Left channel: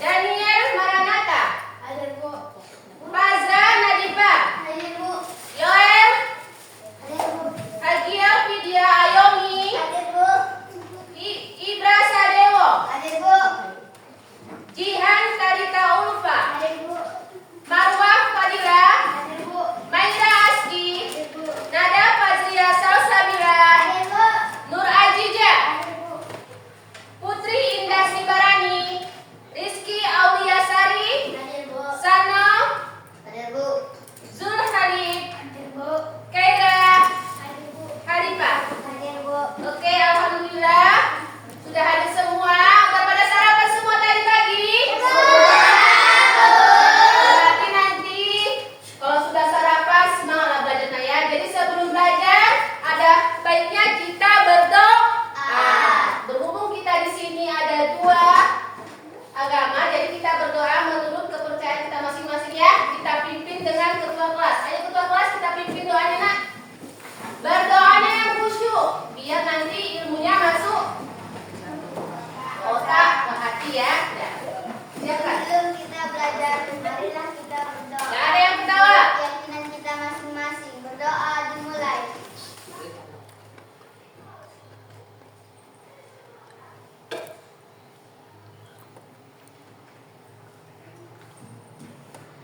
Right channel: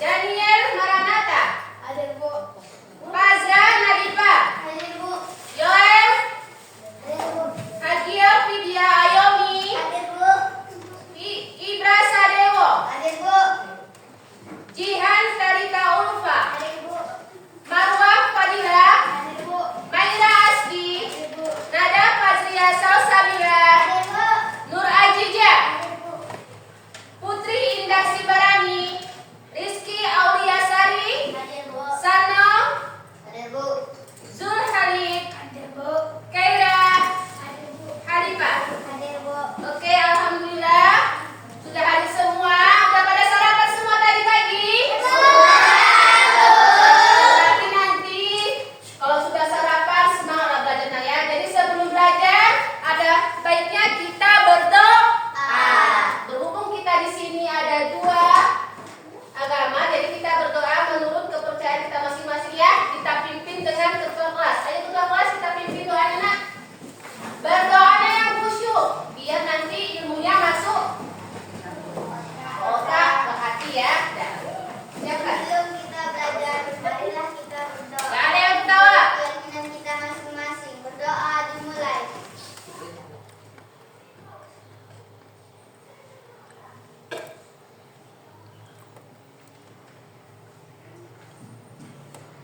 Daniel Maranata. Hadir, Bu. Fazra Nadifa. Hadir, Bu. Yoel Hadir, Bu. Hagia Vidya Ayomi. Hadir, Bu. Ibra Sadewo. Hadir, Bu. Jihan Karita Ulfa. Hadir, Bu. Marwah Fadila. Hadir, Bu. Maira Aski. Hadir, Bu. Nada Fazria Salsabila. Hadir, Bu. Nur Ajija. Hadir, Bu. Putri Indah Sibarani. Rizky Auliasari. Hadir, Bu. Sano. Hadir, Bu. Zul Halid. Hadir, Bu. Kaira. Hadir, Bu. Harifah. Hadir, Bu. Oke, alhamdulillah sudah hadir semua. Udah pada sarapan semua tadi pagi? Berarti nanti kalau sudah sarapan semangat belajarnya ya. Jadi sebelum belajar ada baiknya kita berdoa. Berhubung kita di sini ada dua agama, jadi kita berdoa menurut kepercayaan kita masing-masing ya. Kita pimpin dengan ketua kelas. Ayo ketua kelas kita pimpin doanya nak. Berdoanya yang khusyuk biar nanti ilmunya masuk otak ke hati ya. Siapa? Sebelum kita belajar, marilah kita berdoa. Gak ada yang ketawa. Keyakinan kita masing-masing. Berdoa dimulai.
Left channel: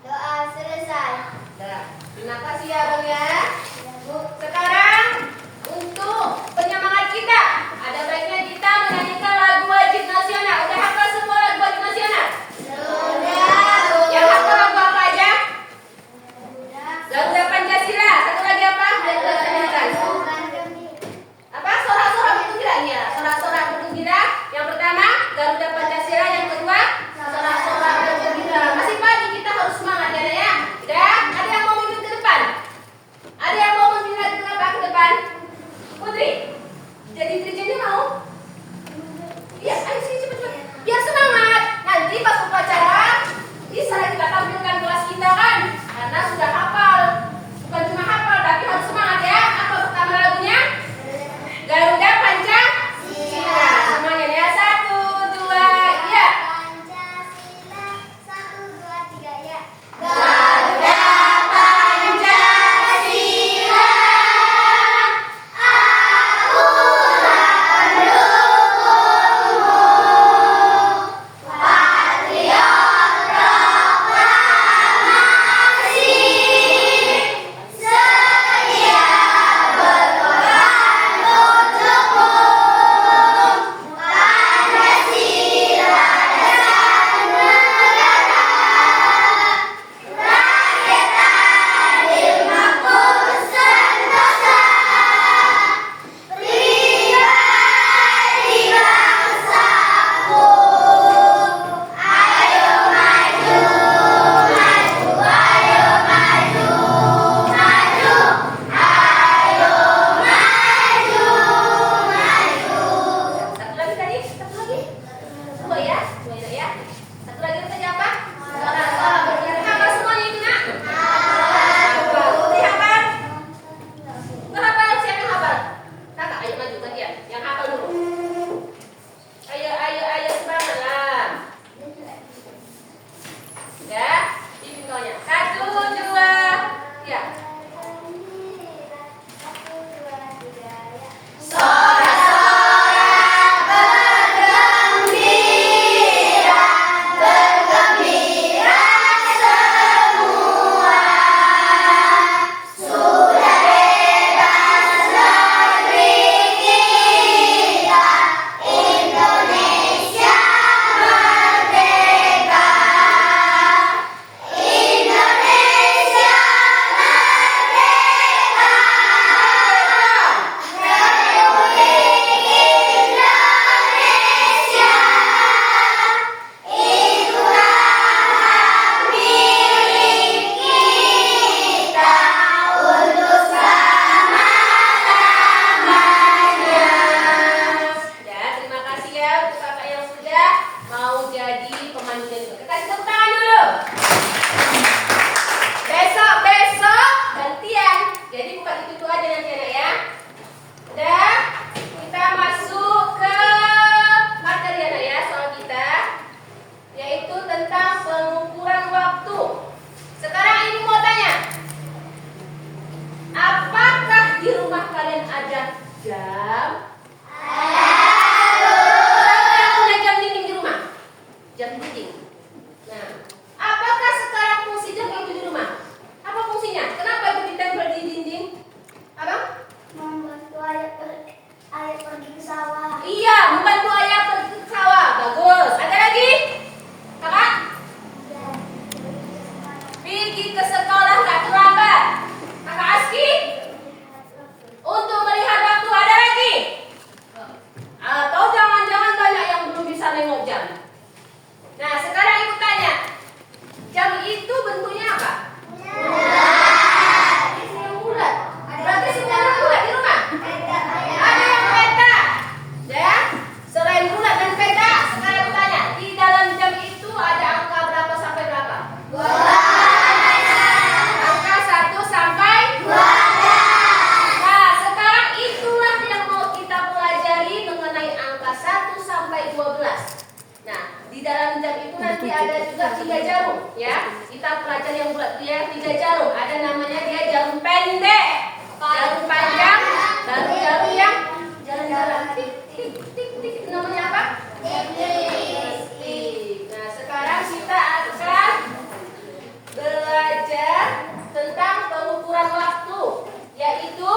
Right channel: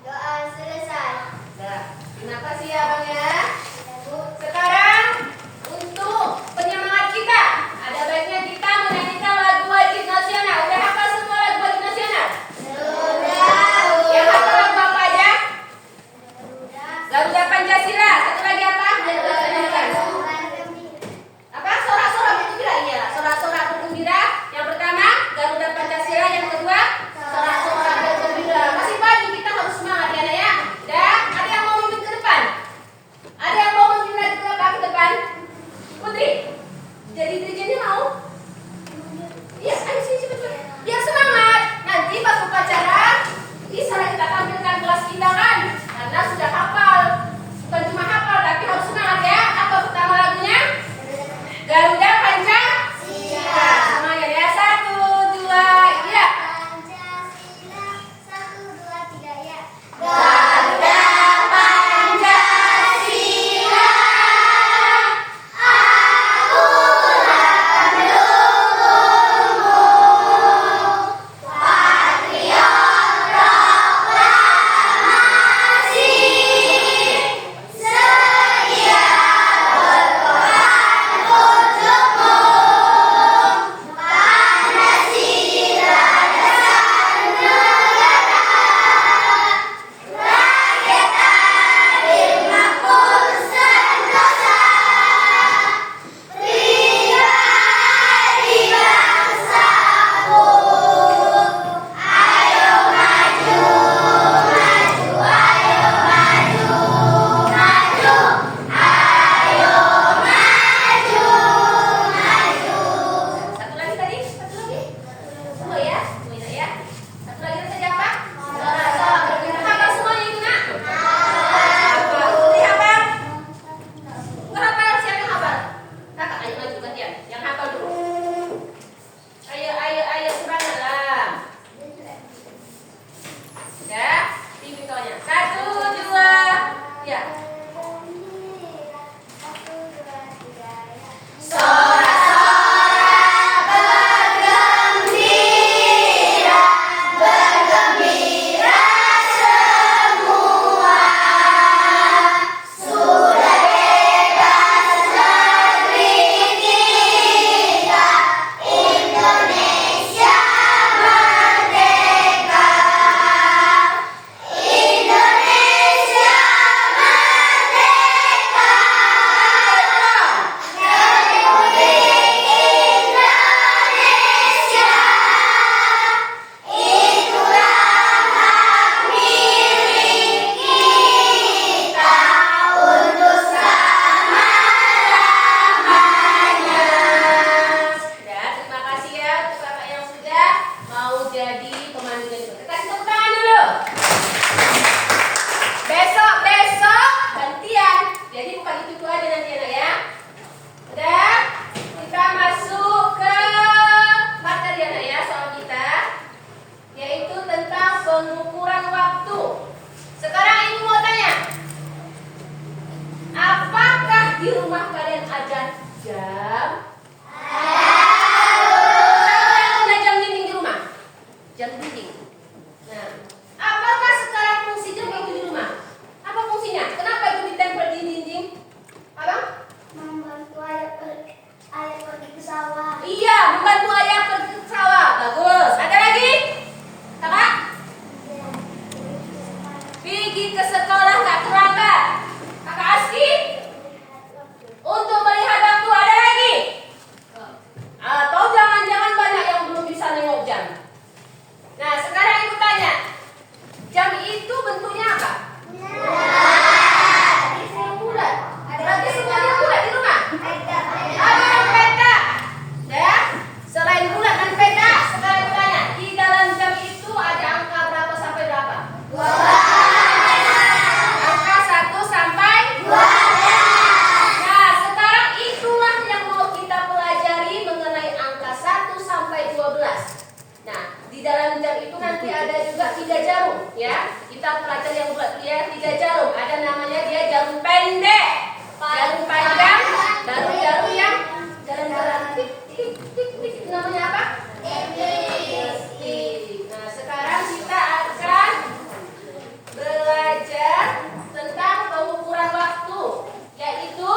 Doa selesai. Nah, terima kasih ya Bang ya. Sekarang untuk penyemangat kita, ada baiknya kita menyanyikan lagu wajib nasional. Udah hafal semua lagu wajib nasional? Yang hafal lagu apa aja? Garuda Pancasila. Satu lagi apa? Dan udah tanyakan. Apa? Sorak-sorak bergembira? Iya, sorak-sorak bergembira. Yang pertama, Garuda Pancasila. Yang kedua, sorak-sorak bergembira. Masih pagi kita harus semangat ya, ya. Dan ada yang mau memimpin ke depan? Ada yang mau memimpin lagi ke depan? Putri, jadi dirjennya mau? Iya, ayo sini cepet-cepet. Biar semangat. Nanti pas upacara bisa kita tampilkan kelas kita kan? Karena sudah hafal. Bukan cuma hafal, tapi harus semangat ya. Apa pertama lagunya? Garuda Pancasila. Semuanya ya. 1, 2, ya. Pancasila. 1, 2, 3, ya. Garuda Pancasila. Satu lagi tadi? Satu lagi? Dua ya? Dua ya? Satu lagi saja apa? Sorak-sorak bergembira. Hafal semuanya itu nak? Hafal. Putri hafal? Nggak hafal? Siapa yang hafal? Kakak, ayo maju gantian. Yang hafal dulu. Ayo semangat lah. Sudah? Pimpin kawannya. 1, 2, ya. Sorak-sorak bergembira, bergembira semua. Sudah bebas negeri kita, Indonesia merdeka. Indonesia merdeka. Republik Indonesia. Itulah hak milik kita untuk selama-lamanya. Ya, terima kasih ya untuk kakak yang sudah mau jadi pemandunya itu. Kita kasih tepuk tangan dulu. Besok gantian. Jadi bukan itu aja nanti anak ya. Udah, kita masuk ke materi anak ya soal kita, yaitu jam dinding. Nah, apakah sekarang fungsi jam itu di rumah? Apa fungsinya? Kenapa itu ditempel di dinding? Abang? Membantu ayah pergi ke sawah. Iya, membantu ayah pergi ke sawah. Bagus. Ada lagi? Kakak? Ya. Pergi ke sekolah nggak terlambat. Kakak Aski? Untuk melihat waktu. Ada lagi? Atau jangan-jangan banyak yang belum bisa nengok jam. Nah, sekarang ibu tanya. Jam itu bentuknya apa? Bulat. Berarti semuanya bulat di rumah? Ada yang petak. Ya? Selain bulat dan petak, sekarang ibu tanya. Di dalam jam itu ada angka berapa sampai berapa? 12. Angka 1 sampai 12. Nah, sekarang itulah yang mau kita pelajari mengenai angka 1 sampai 12. Nah, di dalam jam itu nanti ada juga 3 jarum, ya. Kita pelajari yang bulat, dia 3 jarum. Ada namanya dia jarum pendek, jarum panjang, baru jarum yang jalan-jalan tik tik tik tik. Namanya apa? Tik. Nah, sekarang kita akan belajar tentang pengukuran waktu, yaitu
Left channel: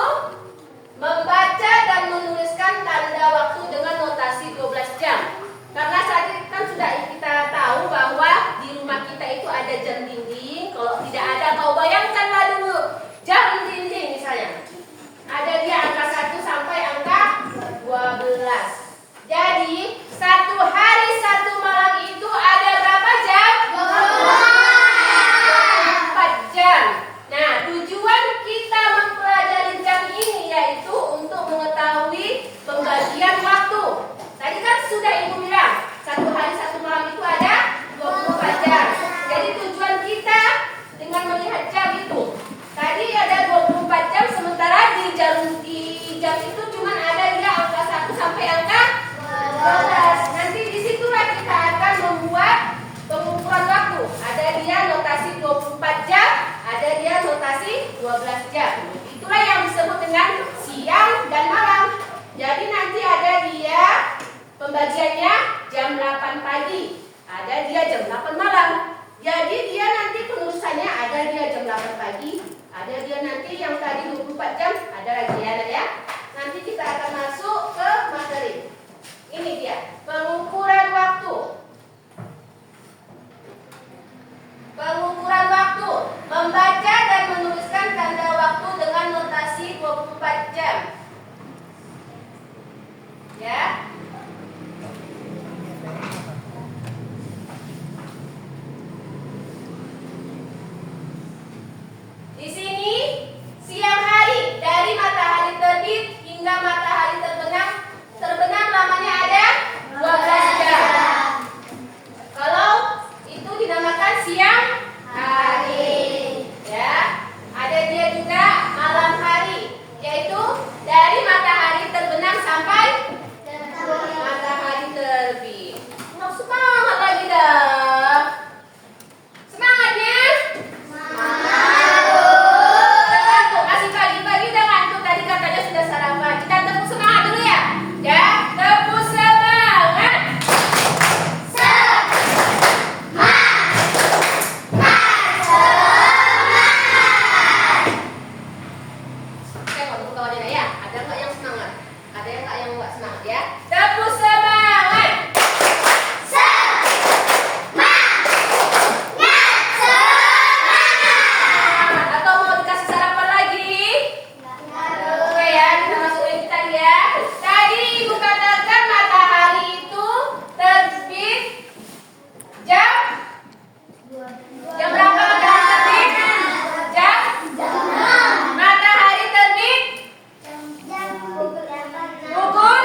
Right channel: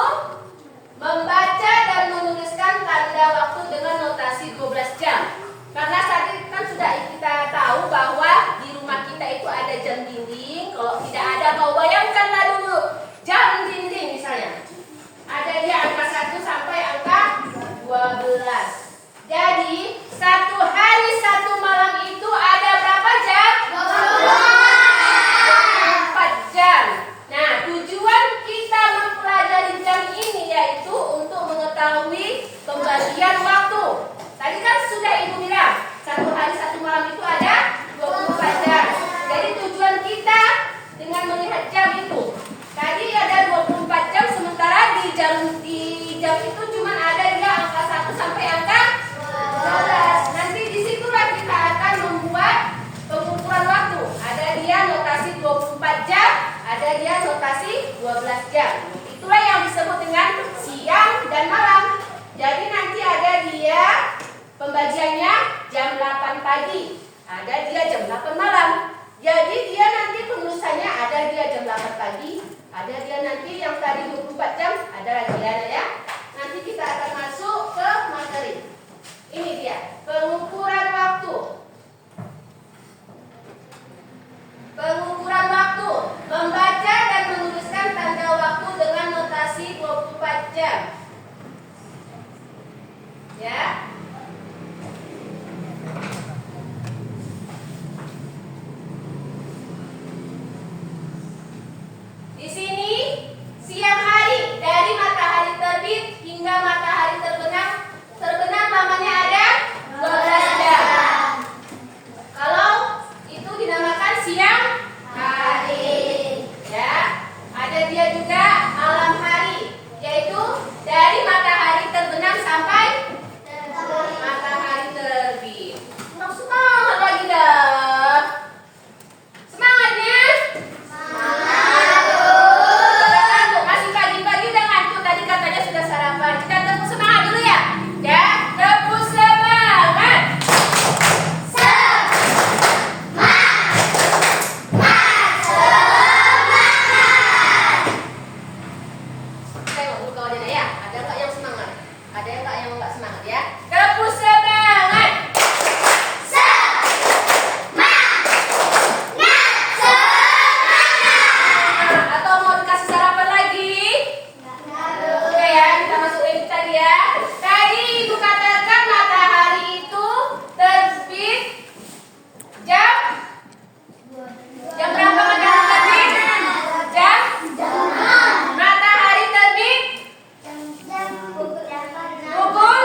membaca dan menuliskan tanda waktu dengan notasi 12 jam. Karena saat ini kan sudah kita tahu bahwa di rumah kita itu ada jam dinding. Kalau tidak ada, kau bayangkanlah dulu jam dinding misalnya. Ada dia angka 1 sampai angka 12. Jadi 1 hari 1 malam itu ada berapa jam? 24 jam. Nah, tujuan kita mempelajari jam ini yaitu untuk mengetahui pembagian waktu. Tadi kan sudah ibu bilang 1 hari 1 malam itu ada 24 jam. Jadi tujuan kita dengan melihat jam itu, tadi ada 24 jam, sementara di jam itu cuma ada dia angka 1 sampai angka 12. Nanti disitulah kita akan membuat pengukuran waktu. Ada dia notasi 24 jam, ada dia notasi 12 jam. Itulah yang disebut dengan siang dan malam. Jadi nanti ada dia pembagiannya jam 8 pagi, ada dia jam 8 malam. Jadi dia nanti penulisannya ada dia jam 8 pagi, ada dia nanti yang tadi 24 jam, ada lagi ya. Nanti kita akan masuk ke materi. Ini dia, pengukuran waktu. Pengukuran waktu, membaca dan menuliskan tanda waktu dengan notasi 24 jam. Ya. Di sini siang hari dari matahari terbit hingga matahari terbenam namanya ada 12 jam. Kalau itu dinamakan siang hari, ya. Ada dia juga malam hari, yaitu dari matahari terbenam sampai matahari terbit. Nah, semangat lagi dah. Semangatnya. Udah ngantuk, masih pagi-pagi udah ngantuk. Tadi katanya sudah sarapan. Kita tepuk semangat dulu ya. Ya, tepuk semangat. Tengok dulu kawannya ya. Ada nggak yang semangat? Ada yang nggak semangat ya? Tepuk semangat. Atau mau dikasih sarapan lagi? Oke ya, kita masuk yang tadi ya. Tadi ibu katakan matahari itu terbit jam berapa matahari terbit? Jam matahari terbit pukul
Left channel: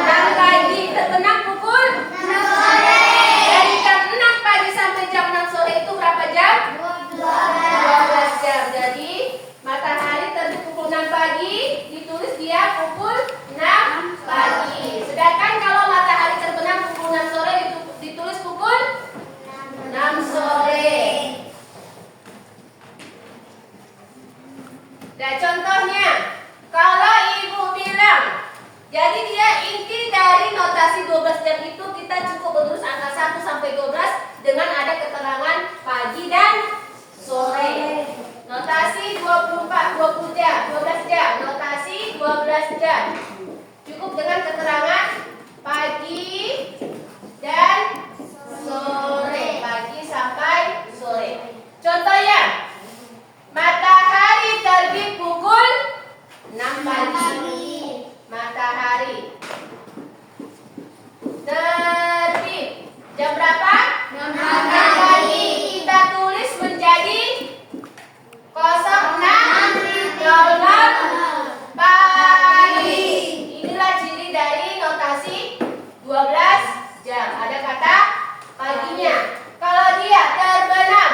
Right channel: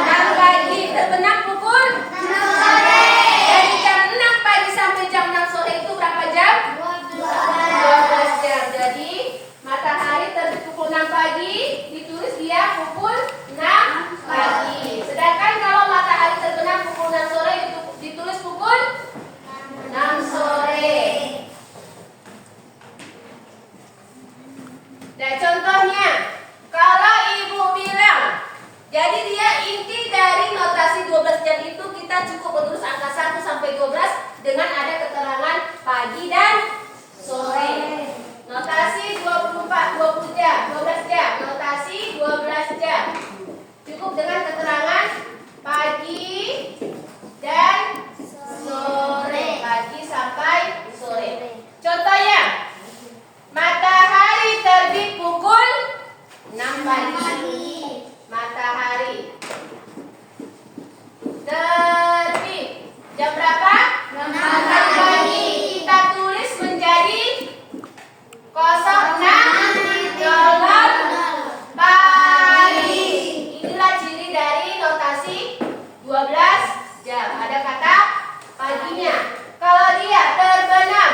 6 pagi, terbenam pukul 6 sore. Dari jam 6 pagi sampai jam 6 sore itu berapa jam? 12 jam. Jadi matahari terbit pukul 6 pagi, ditulis dia pukul 6 pagi. Sedangkan kalau matahari terbenam pukul 6 sore itu ditulis pukul 6 sore. Nah, contohnya kalau ibu bilang, jadi dia inti dari notasi 12 jam itu kita cukup menulis angka 1 sampai sampai 12 dengan ada keterangan pagi dan sore. Notasi 20 jam, 12 jam. Notasi 12 jam. Cukup dengan keterangan pagi dan sore. Pagi sampai sore. Contohnya, matahari terbit pukul 6 pagi. Matahari terbit jam berapa? 6 pagi. Kita tulis menjadi 06.00 pagi. Inilah ciri dari notasi 12 jam. Ada kata paginya. Kalau dia terbenam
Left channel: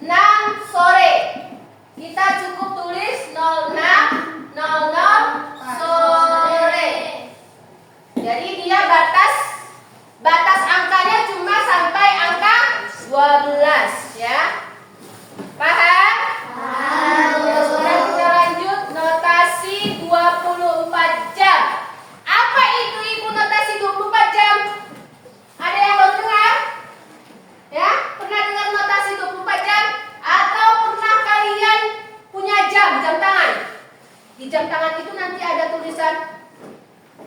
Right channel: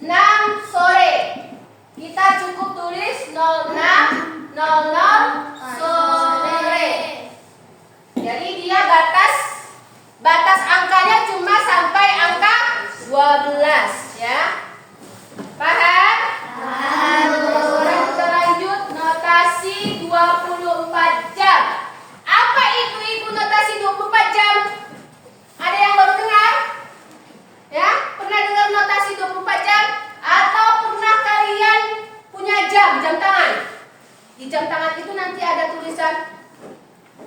6 sore, kita cukup tulis 06.00 sore. Jadi dia batas angkanya cuma sampai angka 12 ya. Paham? Sekarang kita lanjut notasi 24 jam. Apa itu Ibu notasi 24 jam? Ada yang baru dengar? Ya, pernah dengar notasi 24 jam? Atau pernah kalian punya jam tangan? Di jam tangan itu nanti ada tulisan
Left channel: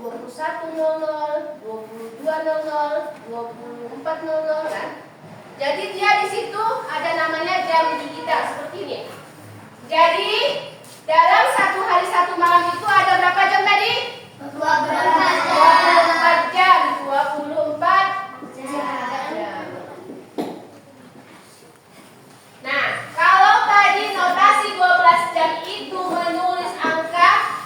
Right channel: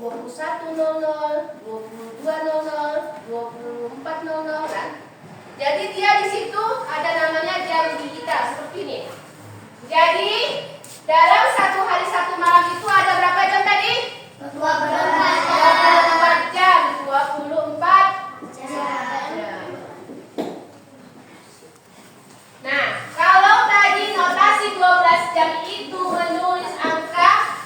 21.00, 22.00, 24.00 kan? Jadi dia di situ ada namanya jam digital seperti ini. Jadi dalam satu hari satu malam itu ada berapa jam tadi? 24 jam. 24 jam. Nah, kalau tadi notasi 12 jam itu menulis angka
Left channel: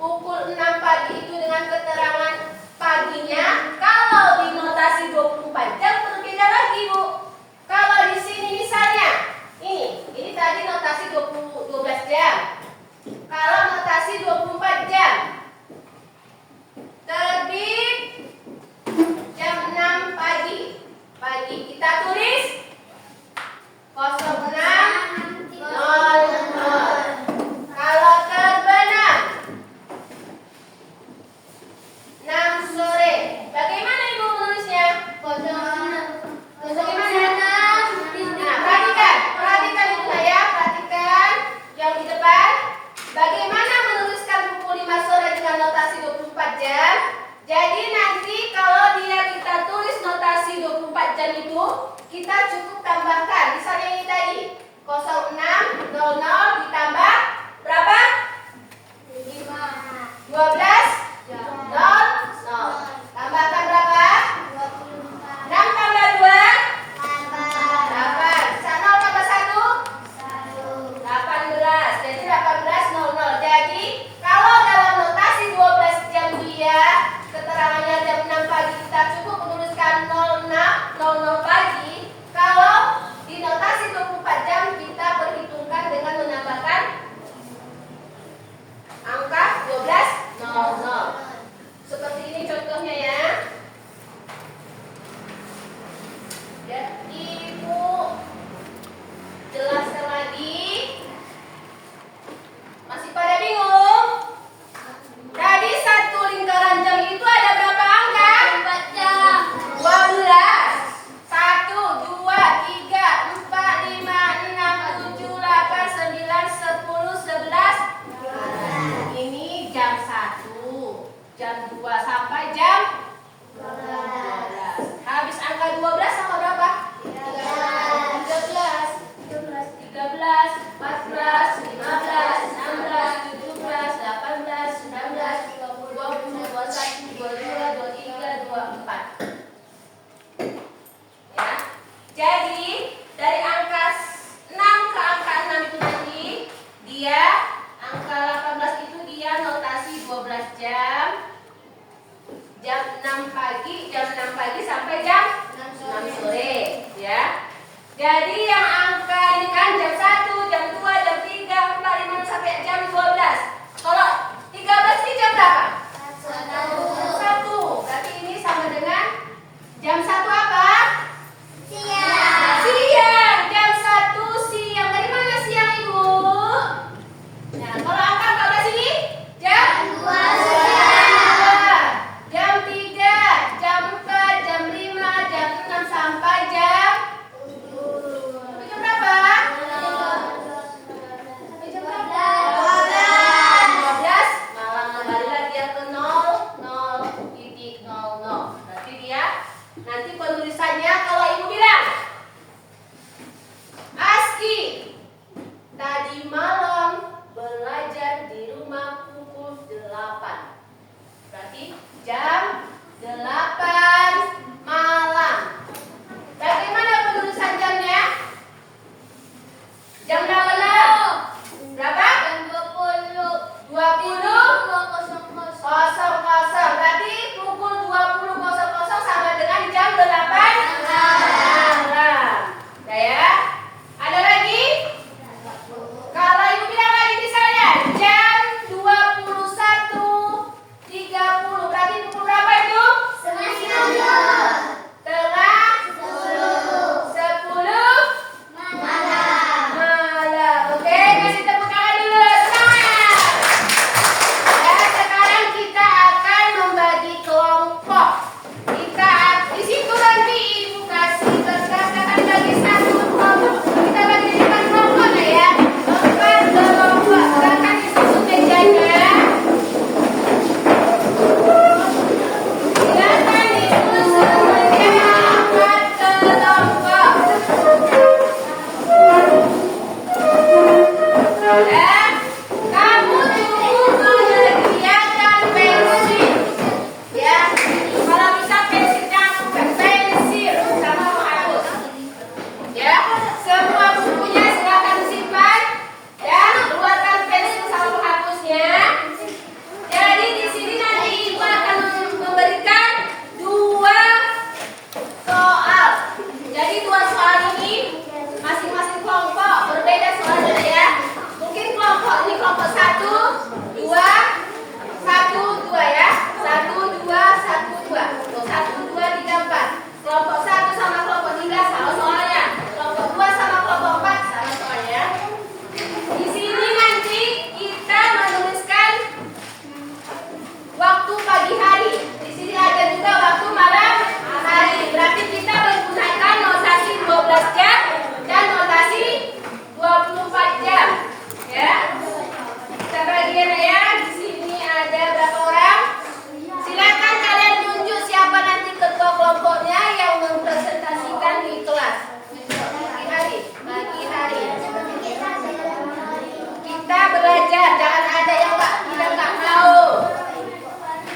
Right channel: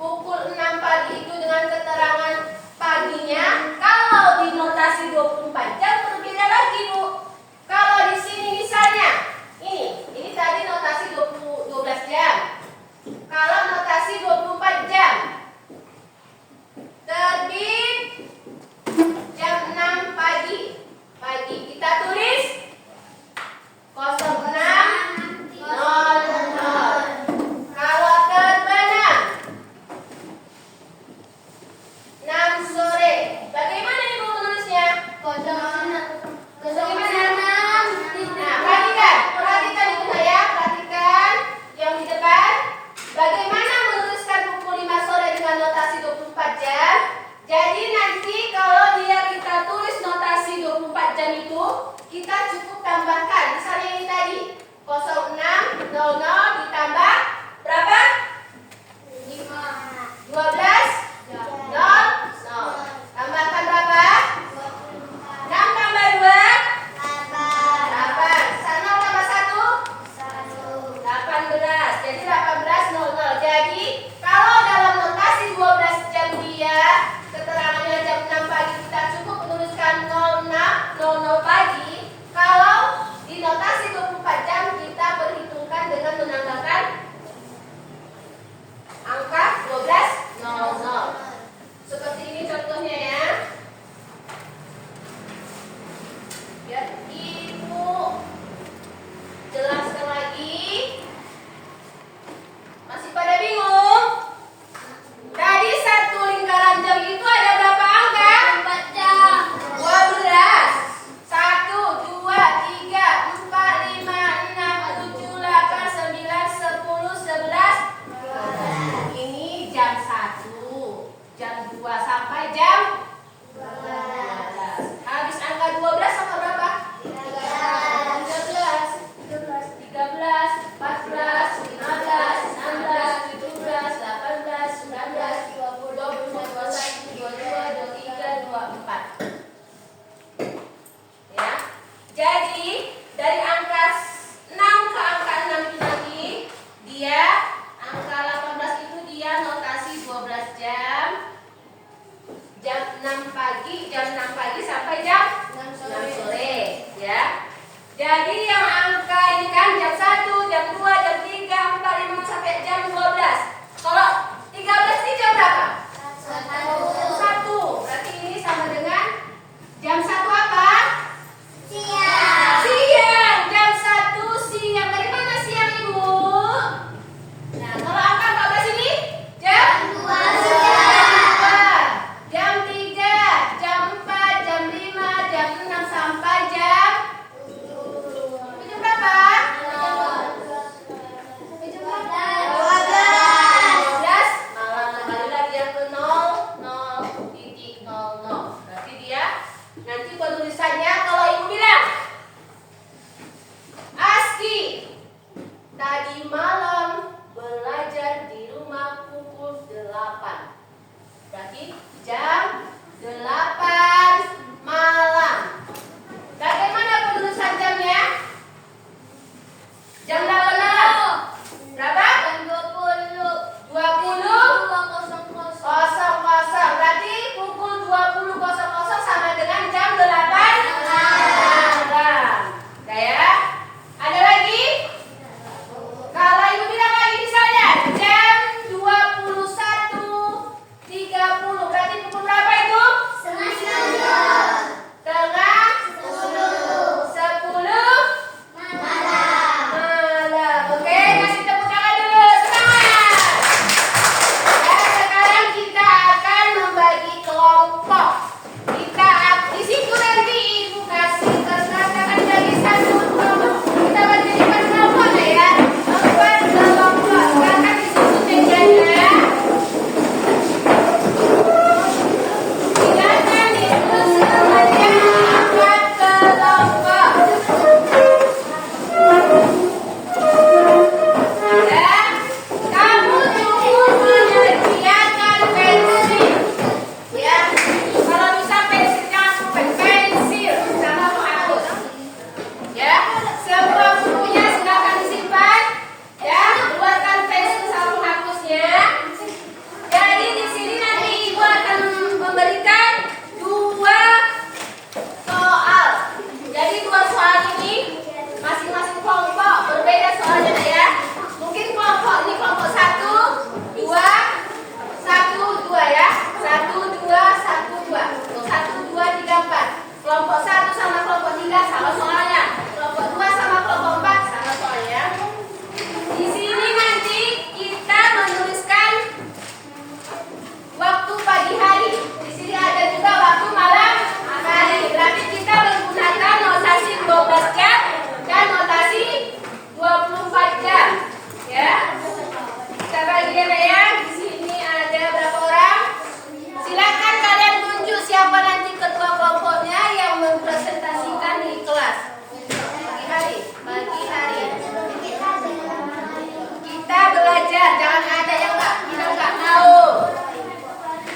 pukul 6 pagi itu dengan keterangan paginya, kalau di notasi 24 jam berbeda lagi, Bu. Kalau di sini misalnya ini tadi notasi 12 jam. Kalau notasi 24 jam terbit jam 6 pagi. Kita tulis 06.00. Kalau terbenam 6 sore. Bagaimana Ibu menulisnya? Bagaimana? Nah, perhatikan Ibu ya, perhatikan yang di depan. Bagaimana menuliskan pukul 5 sore dengan notasi 24 jam? Jadi nanti kalau kita tulis notasi 24 jam itu, kita cukup tambahkan. Misalnya ini tadi 06.00 ditambah berapa? 12.00. Tambahkan berapa? 6 tambah 2? 8. 0 tambah 1? 18. Jadi 18.00. Jadi kalau dalam notasi 12 jam dia keterangannya jam 6 pagi, kita cukup menuliskan 06.00 pagi. Kalau di notasi 24 jam kita perhitungkan dengan menambahkan angka 12.00. Seperti ini contohnya ya. Biar Ibu jelaskan lagi. Masih pada bingung? Tadi satu lingkaran jam itu ada berapa angka? 4 jam. 12. 1, 2, 3, 4, 5, 6, 7, 8, 9, 10, 11. Ini jam 1, jam 2 sampai jam 12. Habis angka 12 angka berapa? 13, 14, 15, 16, 17, 18, 19, 20, 21, 22, 23, 24. Ya. Jadi dari angka 6 ke angka 6 itu nanti dia angka 18 itu dia notasi 12 jam. Jam Nanti penulisannya kalau ibu bilang, Aski tadi malam belajar di rumah pukul 8. Berarti jam 8 malam. Bagaimana penulisan jamnya? Jam 8 malam. Berapa? Jam 20. 20.00. Berarti pukul 20.00 sama dengan jam 8 malam. Ya. Ada lagi? Kalau ibu bilang lagi misalnya jam 21.30. Berarti pukul berapa itu? Setengah 10. Tengah 10 malam. Oke, kasih tepuk tangan dulu. Semangat. Dan sekarang kita akan membagi kelompok. Di situ nanti ibu kasih berdasarkan bagi satu kelompok. Kita bagi 5 kelompok ya. 4 kelompok. Sekarang di situ mejanya. Silakan ibu semuanya 4 kelompok. Dan kamu cukup menyediakan pensil. Ya, kalau bisa pensil kamu pensil sama menghapus. Ya, semua bukunya silakan simpan dan keluarkan pensil sama menghapusnya. Jadi di sini nanti ibu akan memberikan 2 soal. Jadi 2 soal ini masing-masing kelompok berbeda soalnya ya. Mungkin kelompok ini kelompok 1, 2, 1, 2 ya. 1, 2, 1, 2. 1, 2, 3, 4. Kelompok 1 sama kelompok 3 sama soalnya. Kelompok 2 sama kelompok 4 sama soalnya. Di sini nanti kita menuliskan waktu pagi hari. Di sini ada juga waktu malam hari. Berarti kita menggunakan notasi 12 jam dan notasi 24 jam. Ya. Kita bagi ya. Di sini ada berapa orang? Silakan kalian tunjuk siapa nanti ketua kelompoknya yang mempresentasikan di kelas. Pagi hari. Pagi hari. Kita belajar. Jangan ada yang tidak mau.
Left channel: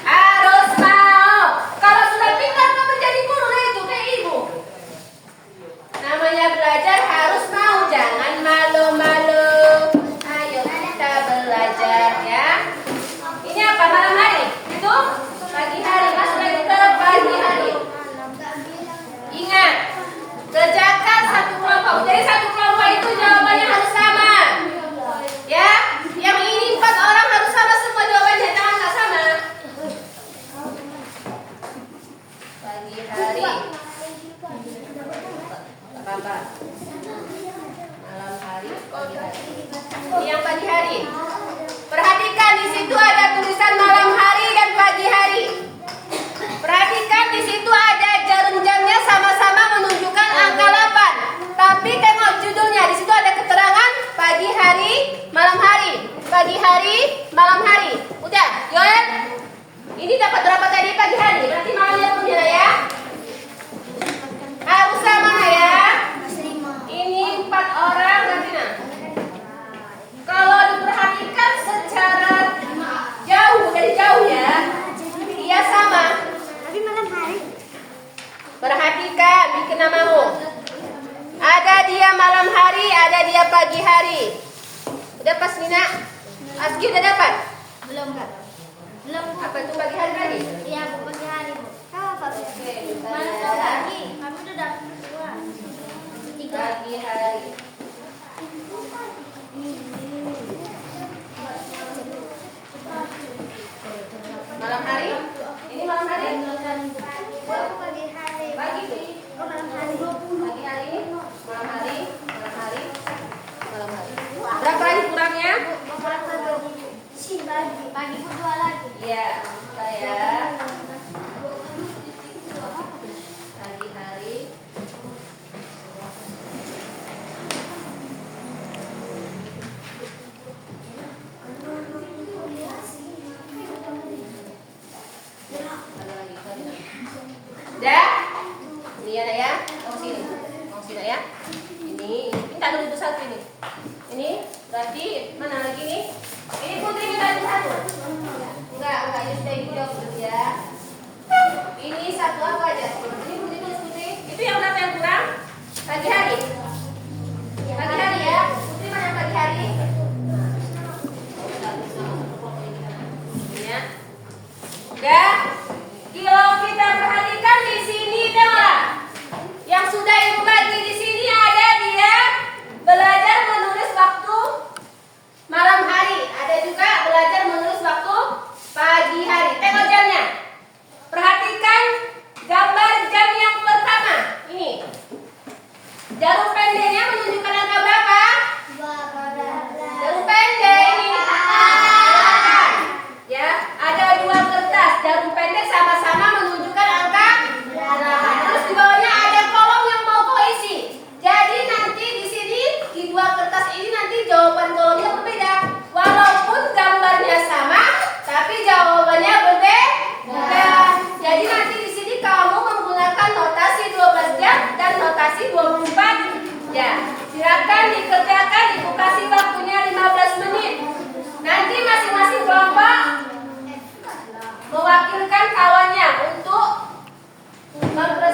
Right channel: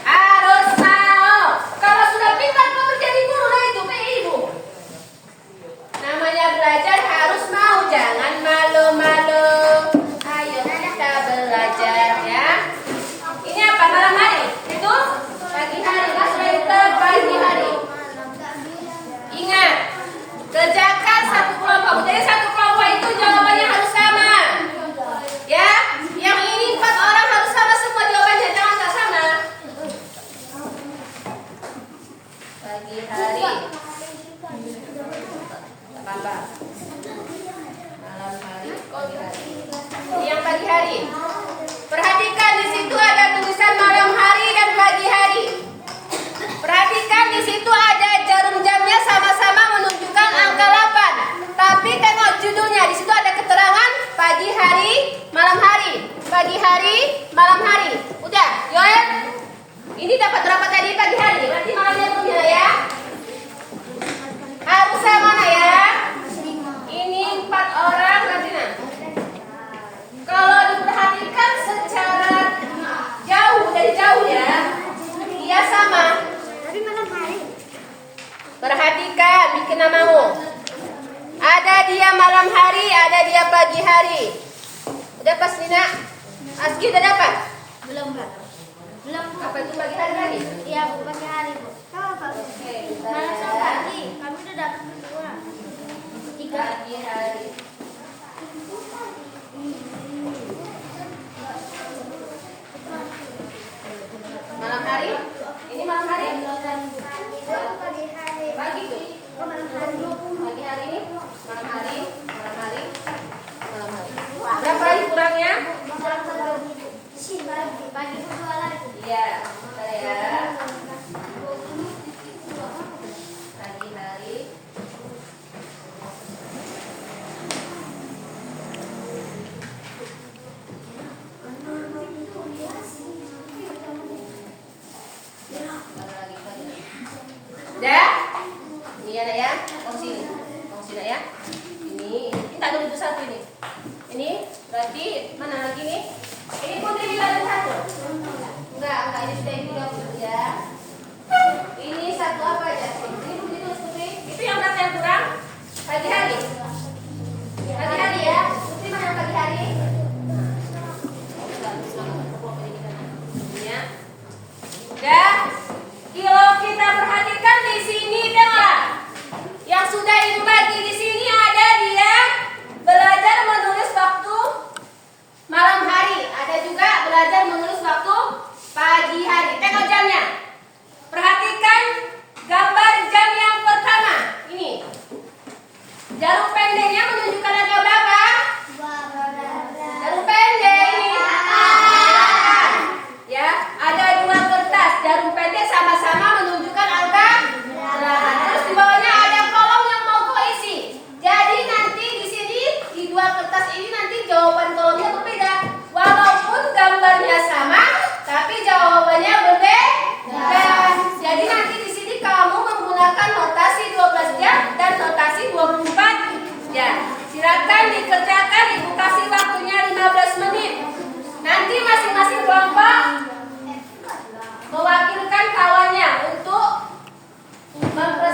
Harus mau. Kalau sudah pintar kamu jadi guru, nah itu kayak ibu. Namanya belajar harus mau, jangan malu-malu. Ayo kita belajar ya. Ini apa malam hari? Itu pagi hari. Mas lagi ke pagi hari. Ingat, kerjakan satu kelompok. Jadi satu kelompok itu jawabannya harus sama. Ya, yang ini 4 orang harus sama semua jawabannya, jangan nggak sama. Pagi hari. Apa? Malam hari, pagi hari. Ini yang pagi hari. Perhatikan di situ ada tulisan malam hari dan pagi hari. Perhatikan di situ ada jarum jamnya sama-sama menunjukkan angka 8. Tapi tengok judulnya, di situ ada keterangan pagi hari, malam hari. Pagi hari, malam hari. Udah, Yoel? Ini dapat berapa tadi pagi hari? Berarti malamnya belum ya? Harus sama ya? Ini 4 orang berarti nah. Kalau diperhatikan secara jauh, dari jauh ya, dia sama. Tapi malam hari. Perhatikan, bikin namamu. Ada dia malam hari, ada dia pagi hari. Udah pas Nina? Aski udah dapat? Belum, Kak. Belum, Bu. Apa itu pagi hari tadi? Iya, Bu, pagi hari, Bu. Kamu apa, Bu? Oke, Malam pagi. Kami udah dapat 2. pagi hari. Malam hari? Ini malam hari? Pagi hari. Pagi tuh. Malam hari. Pagi hari ini? Malam hari? Malam hari? Malam hari. Berapa lagi kurangnya? Pagi. Pagi kedua lagi. Iya, saya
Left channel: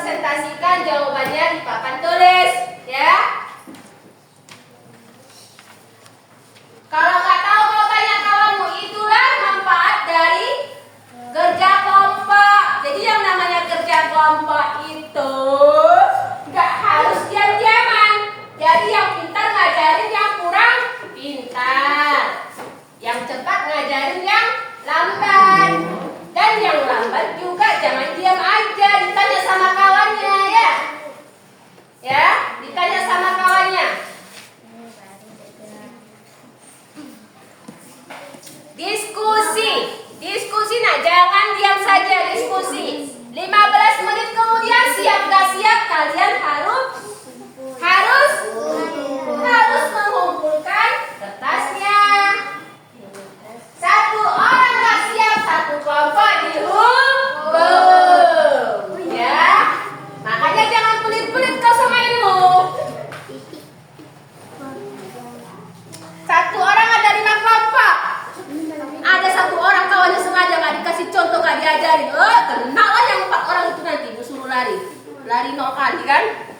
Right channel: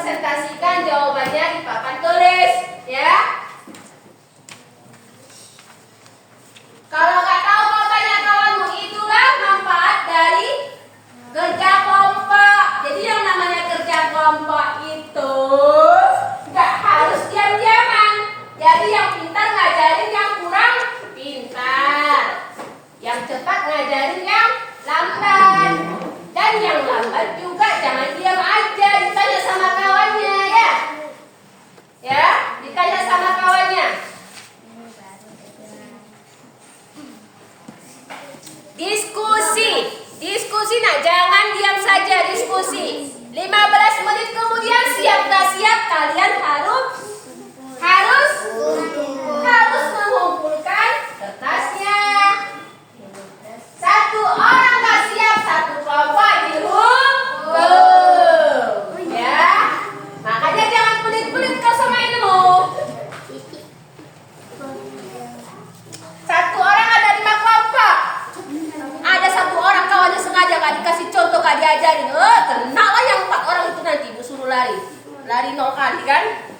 presentasikan jawabannya di papan tulis, ya. Kalau nggak tahu, mau tanya kawanmu, itulah manfaat dari kerja kelompok. Jadi yang namanya kerja kelompok itu nggak harus diam-diaman. Jadi yang pintar ngajarin yang kurang pintar, yang cepat ngajarin yang lambat, dan yang lambat juga jangan diam aja, ditanya sama kawannya, ya. Ya, ditanya sama kawannya. Diskusi nak, jangan diam saja, diskusi. 15 menit kemudian siap nggak siap, kalian harus mengumpulkan kertasnya. Satu orang nggak siap, satu kelompok dihukum, ya. Makanya jangan pelit-pelit kau sama ilmu. Satu orang ada 5 kelompok. Ada satu orang kawannya sengaja nggak dikasih contoh, nggak diajarin, kena lah yang 4 orang itu nanti disuruh lari 0 kali kan?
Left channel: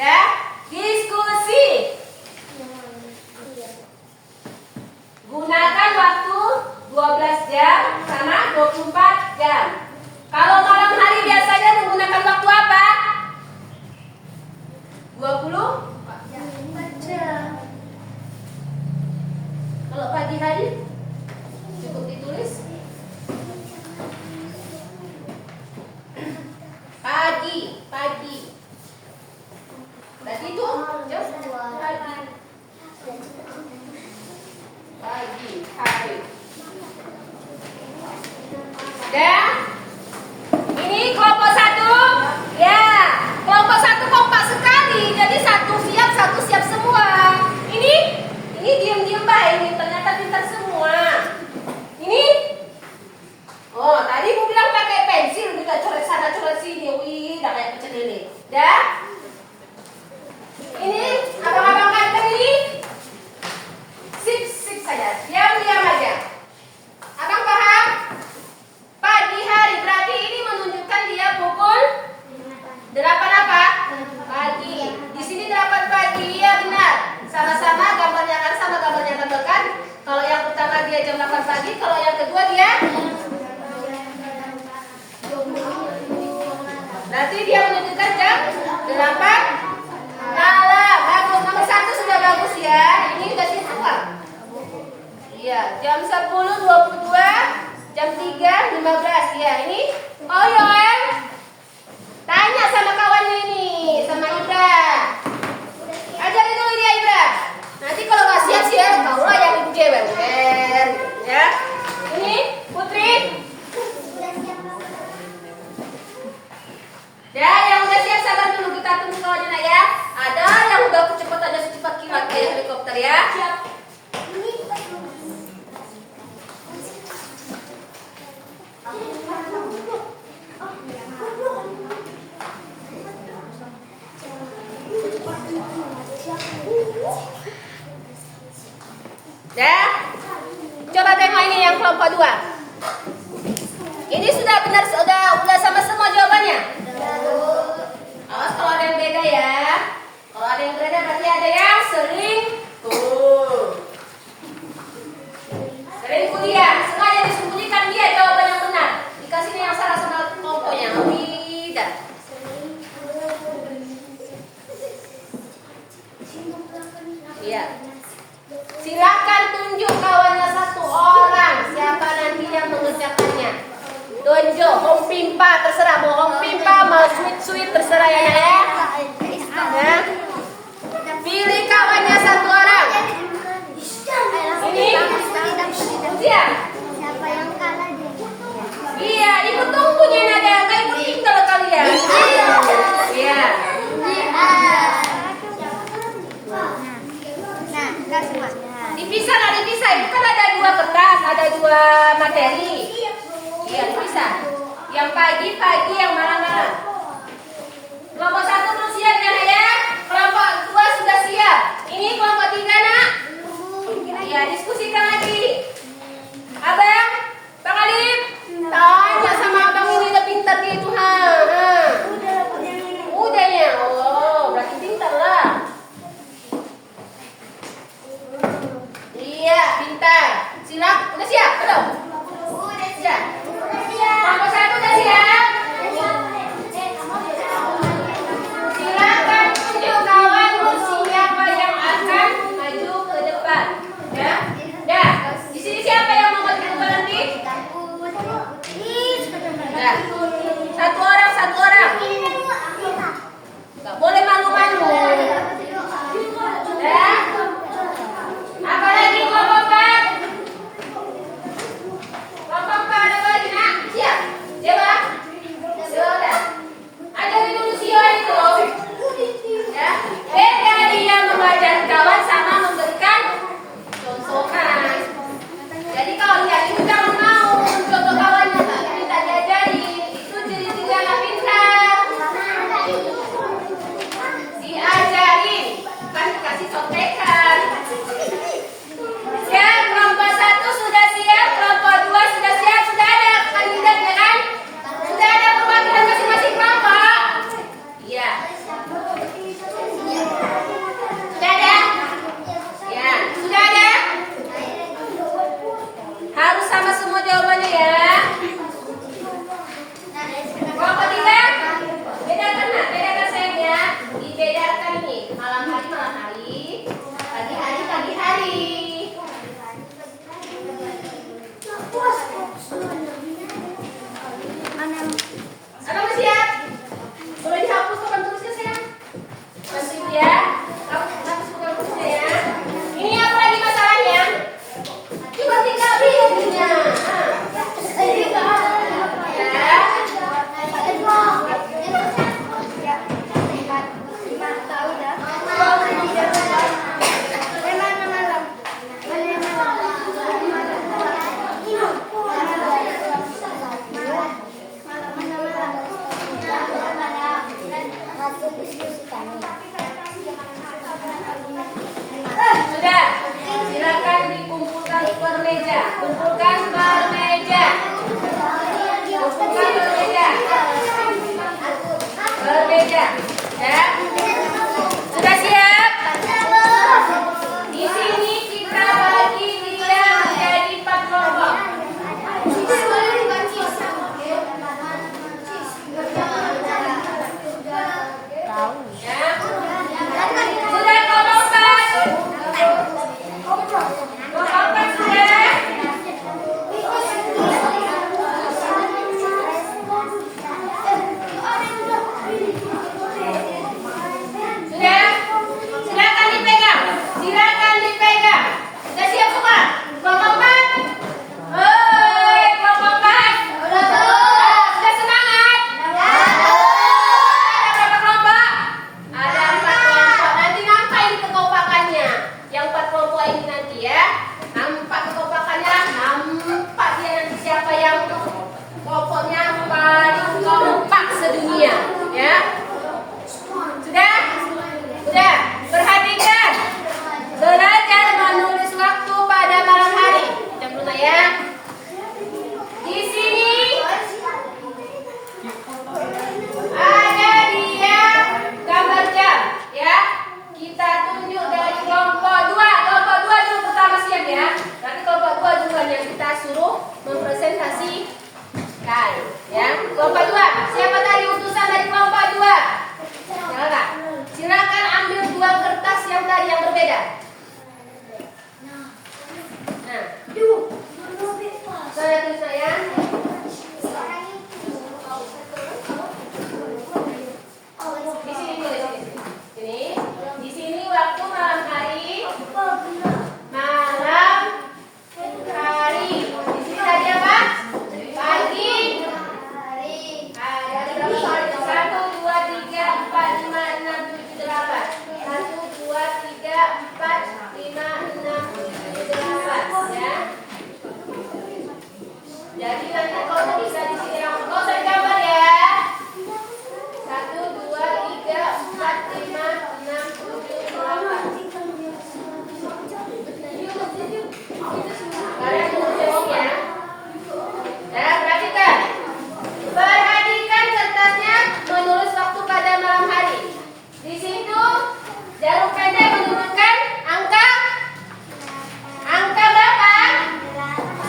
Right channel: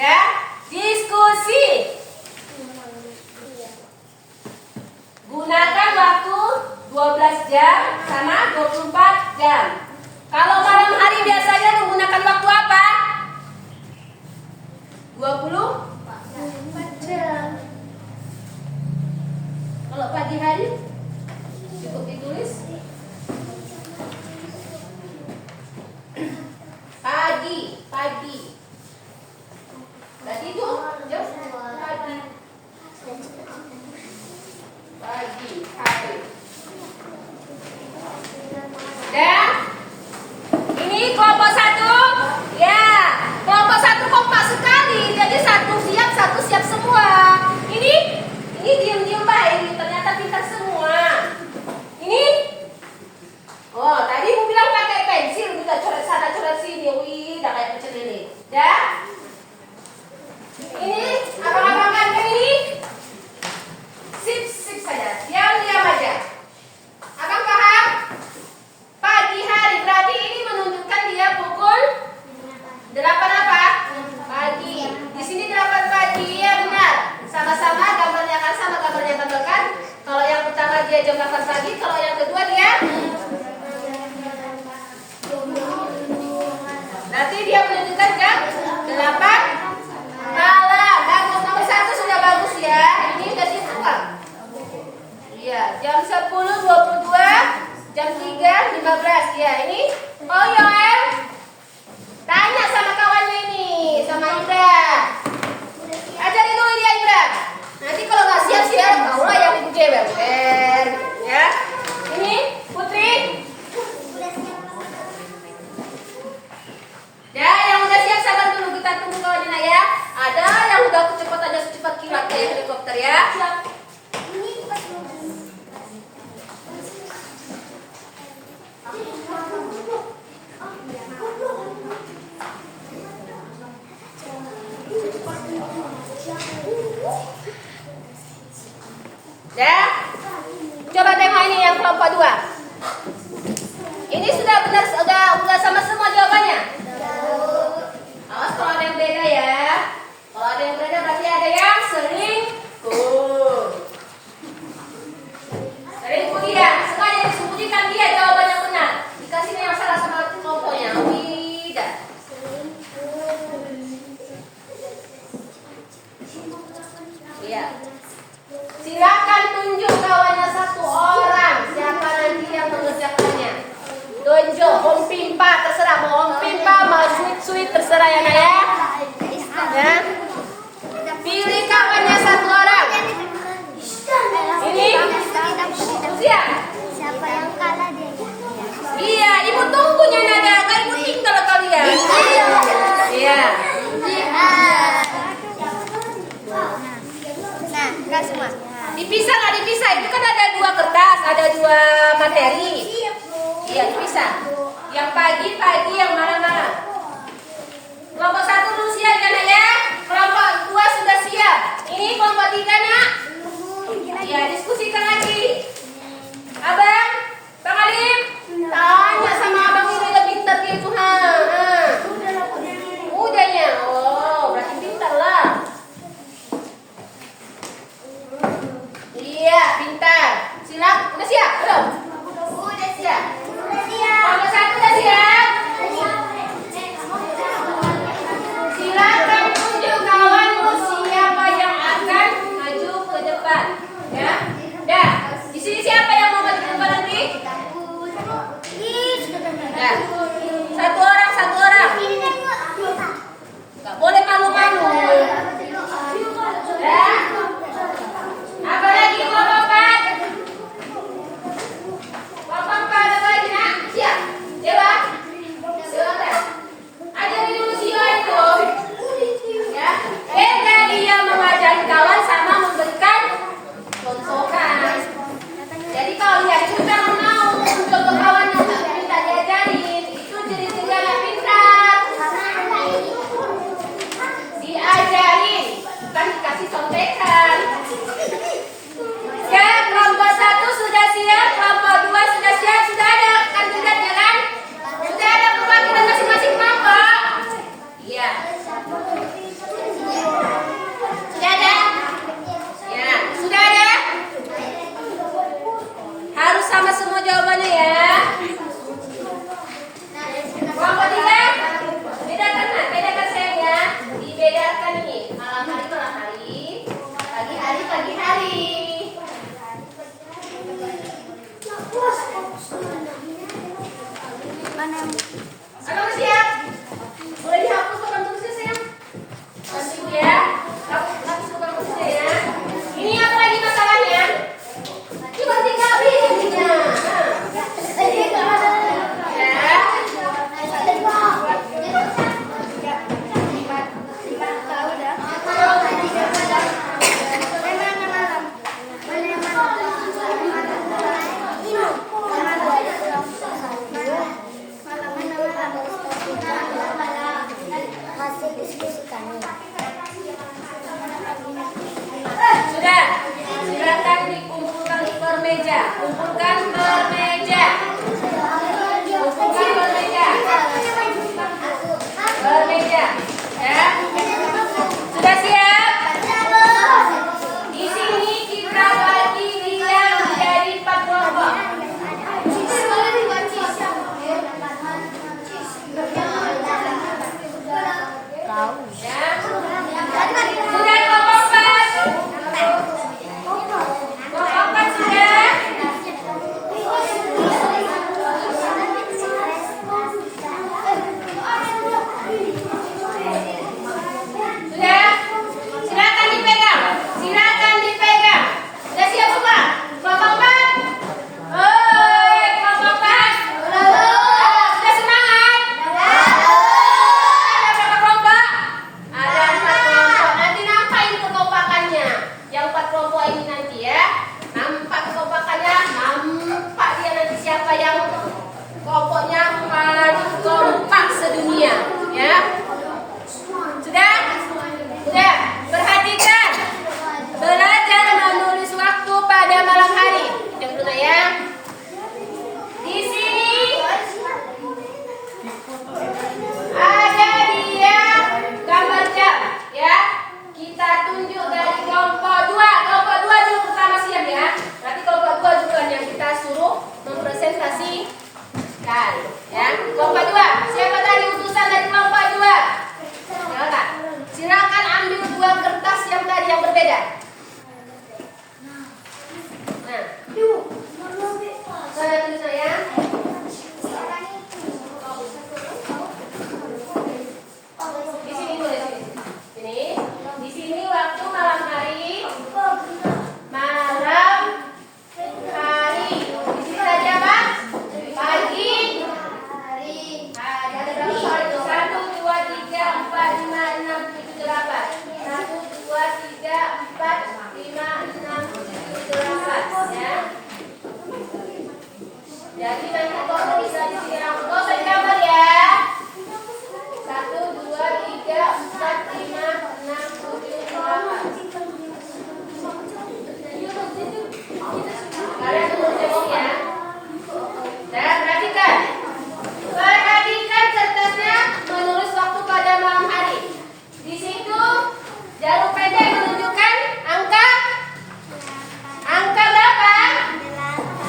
Ya, diskusi. Gunakan waktu 12 jam sama 24 jam. Kalau malam hari biasanya menggunakan waktu apa? 24 jam. Kalau pagi hari cukup ditulis pagi. Tadi itu pagi hari. Dan ini kelompok 1, ya. Kelompok 1 kompak sekali. Jadi satu siap semua. Ini diam-diam baik, ini ternyata pintar semua. Ini, tadi mau bilang pakai pensil, kita coret sana coret sini, dah kayak pecel lele. Dah. Ini abang-abang ganteng ini, sip saja, diam aja. Abang paham? Pagi hari berarti ini menunjukkan dia pukul 8 apa? Pagi. Di sini 8 pagi, ya benar. Sama-sama gambarnya kan sama, gambarnya tambahkan. Kalau yang pertama dia jam 8 pagi, kalau yang kedua dia berarti dia menunjukkan jam 8 malam. Bagus, nomor 1 sudah bagus ya. Ini udah semua. Iya, jam 10, 22, jam 3, 15 ya. Ini Yoel. Tanya sama kawannya ini, sama Ibra. Ajarin dulu dia Ibra. Nanti kalau nggak siap-siap, kaulah yang ibu jewer, ya. Ini Putri. Ya, yang udah siap sabar dulu, kita tunggu kawannya nak ya. Ada yang udah kecepatannya secepat kilat kayak helikopter ya. Ya, coba tengok ini yang kelompok 2. Ini sudah benar, sudah sama semua jawabannya. Awas kalau ada yang beda ya. Kalau ada yang beda berarti ada yang selingkuh. Selingkuh dia, sengaja disembunyikan dia jawaban yang benar. Dikasih yang salah sama kelompoknya. Tidak. Iya. Silakan tunjuk kawannya 1 orang. Siapa nanti yang mengerjakannya? Tunjuk. Om Pimpa terserah. Mau Om Pimpa, mau sweet terserah ya nak ya. Ya. Pilih kawannya 1 orang. Ini usia. Siapa yang kalah dia? Iya, ibu tunggunya naga. Kan ibu tinggal kalian. Iya. Nah, enggak semua. Dipisah. Itu kan ada 2 kertas, ada 2 materi. Iya, dipisah. Yang pagi, yang malam. Kelompok 1 dulu siap kan ya? Kelompok 2 sudah siap. Ini kelompok 3 nak. Ya, diskusikan lagi. Abang, Bang Alim, tanya sama abang ini udah pintar gitu ha. Ya. Satu orang. Nggak boleh malu-malu. Ya. Apa lagi kelompok 4? Kelompok 4 apa lagi nak? Siap. Dewa. Sudah. Ajarin dulu Sio itu. Ya. Beda dia mengajari kawan sama memberikan contohan. Jadi kalau lihat itu jangan mau mencoba kawannya tapi minta diajarin. Itu ciri-ciri anak pintar. Diajarin, bukan dikasih contekan. Ya, kelompok 1 sudah siap, kelompok 2 sudah siap, sudah ada kandidat ya kan? Sudah ada perwakilan masing-masing kelompok. Iya. Sudah ada? Ya, sudah ada? Harus sama semua jawabannya ya. Kelompok 3, bedakan nak, bedakan sayangnya. Dibedakan nih, malam hari, pagi hari. Apa siap? Boleh dihapus papan tulisnya sayang? Bantu ibu ya. Hapus papan tulisnya ya. Ini apa lagi masalahnya? Cuma tinggal pilihnya. Sudah, silakan dikumpulkan per meja. Kumpulkan per meja. Per meja. Ya. Sudah siap? Di sini kita bagi dia menjadi 4 kelompok. Ya. Sudah kelompok 4. Kelompok 4 sudah. Sudah? Silakan dipegang. Sudah siap semua? Kelompok 4. Hei, kelompok 4. Sudah semangat? Ada berapa kelompok? Ada 4 kelompok. Nanti nampak ini kekompakannya. Yang 4 kelompok ini nanti ya. Nampak kekompakannya. Nampak dia nanti siapa yang kelompoknya paling kompak sedunia. Ya. Sudah? Sudah. Perhatikan. Belajar menulis waktu pada malam hari. Jam dulu ya. Di sini ada dia gambar jam. Ya. Kita tunjuk dari kelompok 2. Kelompok 2 dulu pertama siap ya. Nanti kelompok 2 juga yang kita suruh mempresentasikan. Ya. Kelompok 2. Siapa tadi utusan dari kelompok 2? Silakan ambil 2 kertas yang tadi yang berbeda. Nah, saya tulis ya. Di sini tulis sini. Di sini waktu malam hari. Di sini tadi apa? Pagi. Ada berapa soal itu? 1, 2, 3, 4, 5, 6, 7, 8. 1, 2, 3, 4, 5, 6, 7, 8. Ya. Jadi nanti kau bisa di sini kau usah digambar ya. 1, 2, 3, 4, 5, 6, 7, 8. Kalian tunggu jawab ya. Nah, perhatikan. Perhatikan kertasnya menulis waktu pada malam hari. Di situ jarum pendek menunjukkan angka berapa?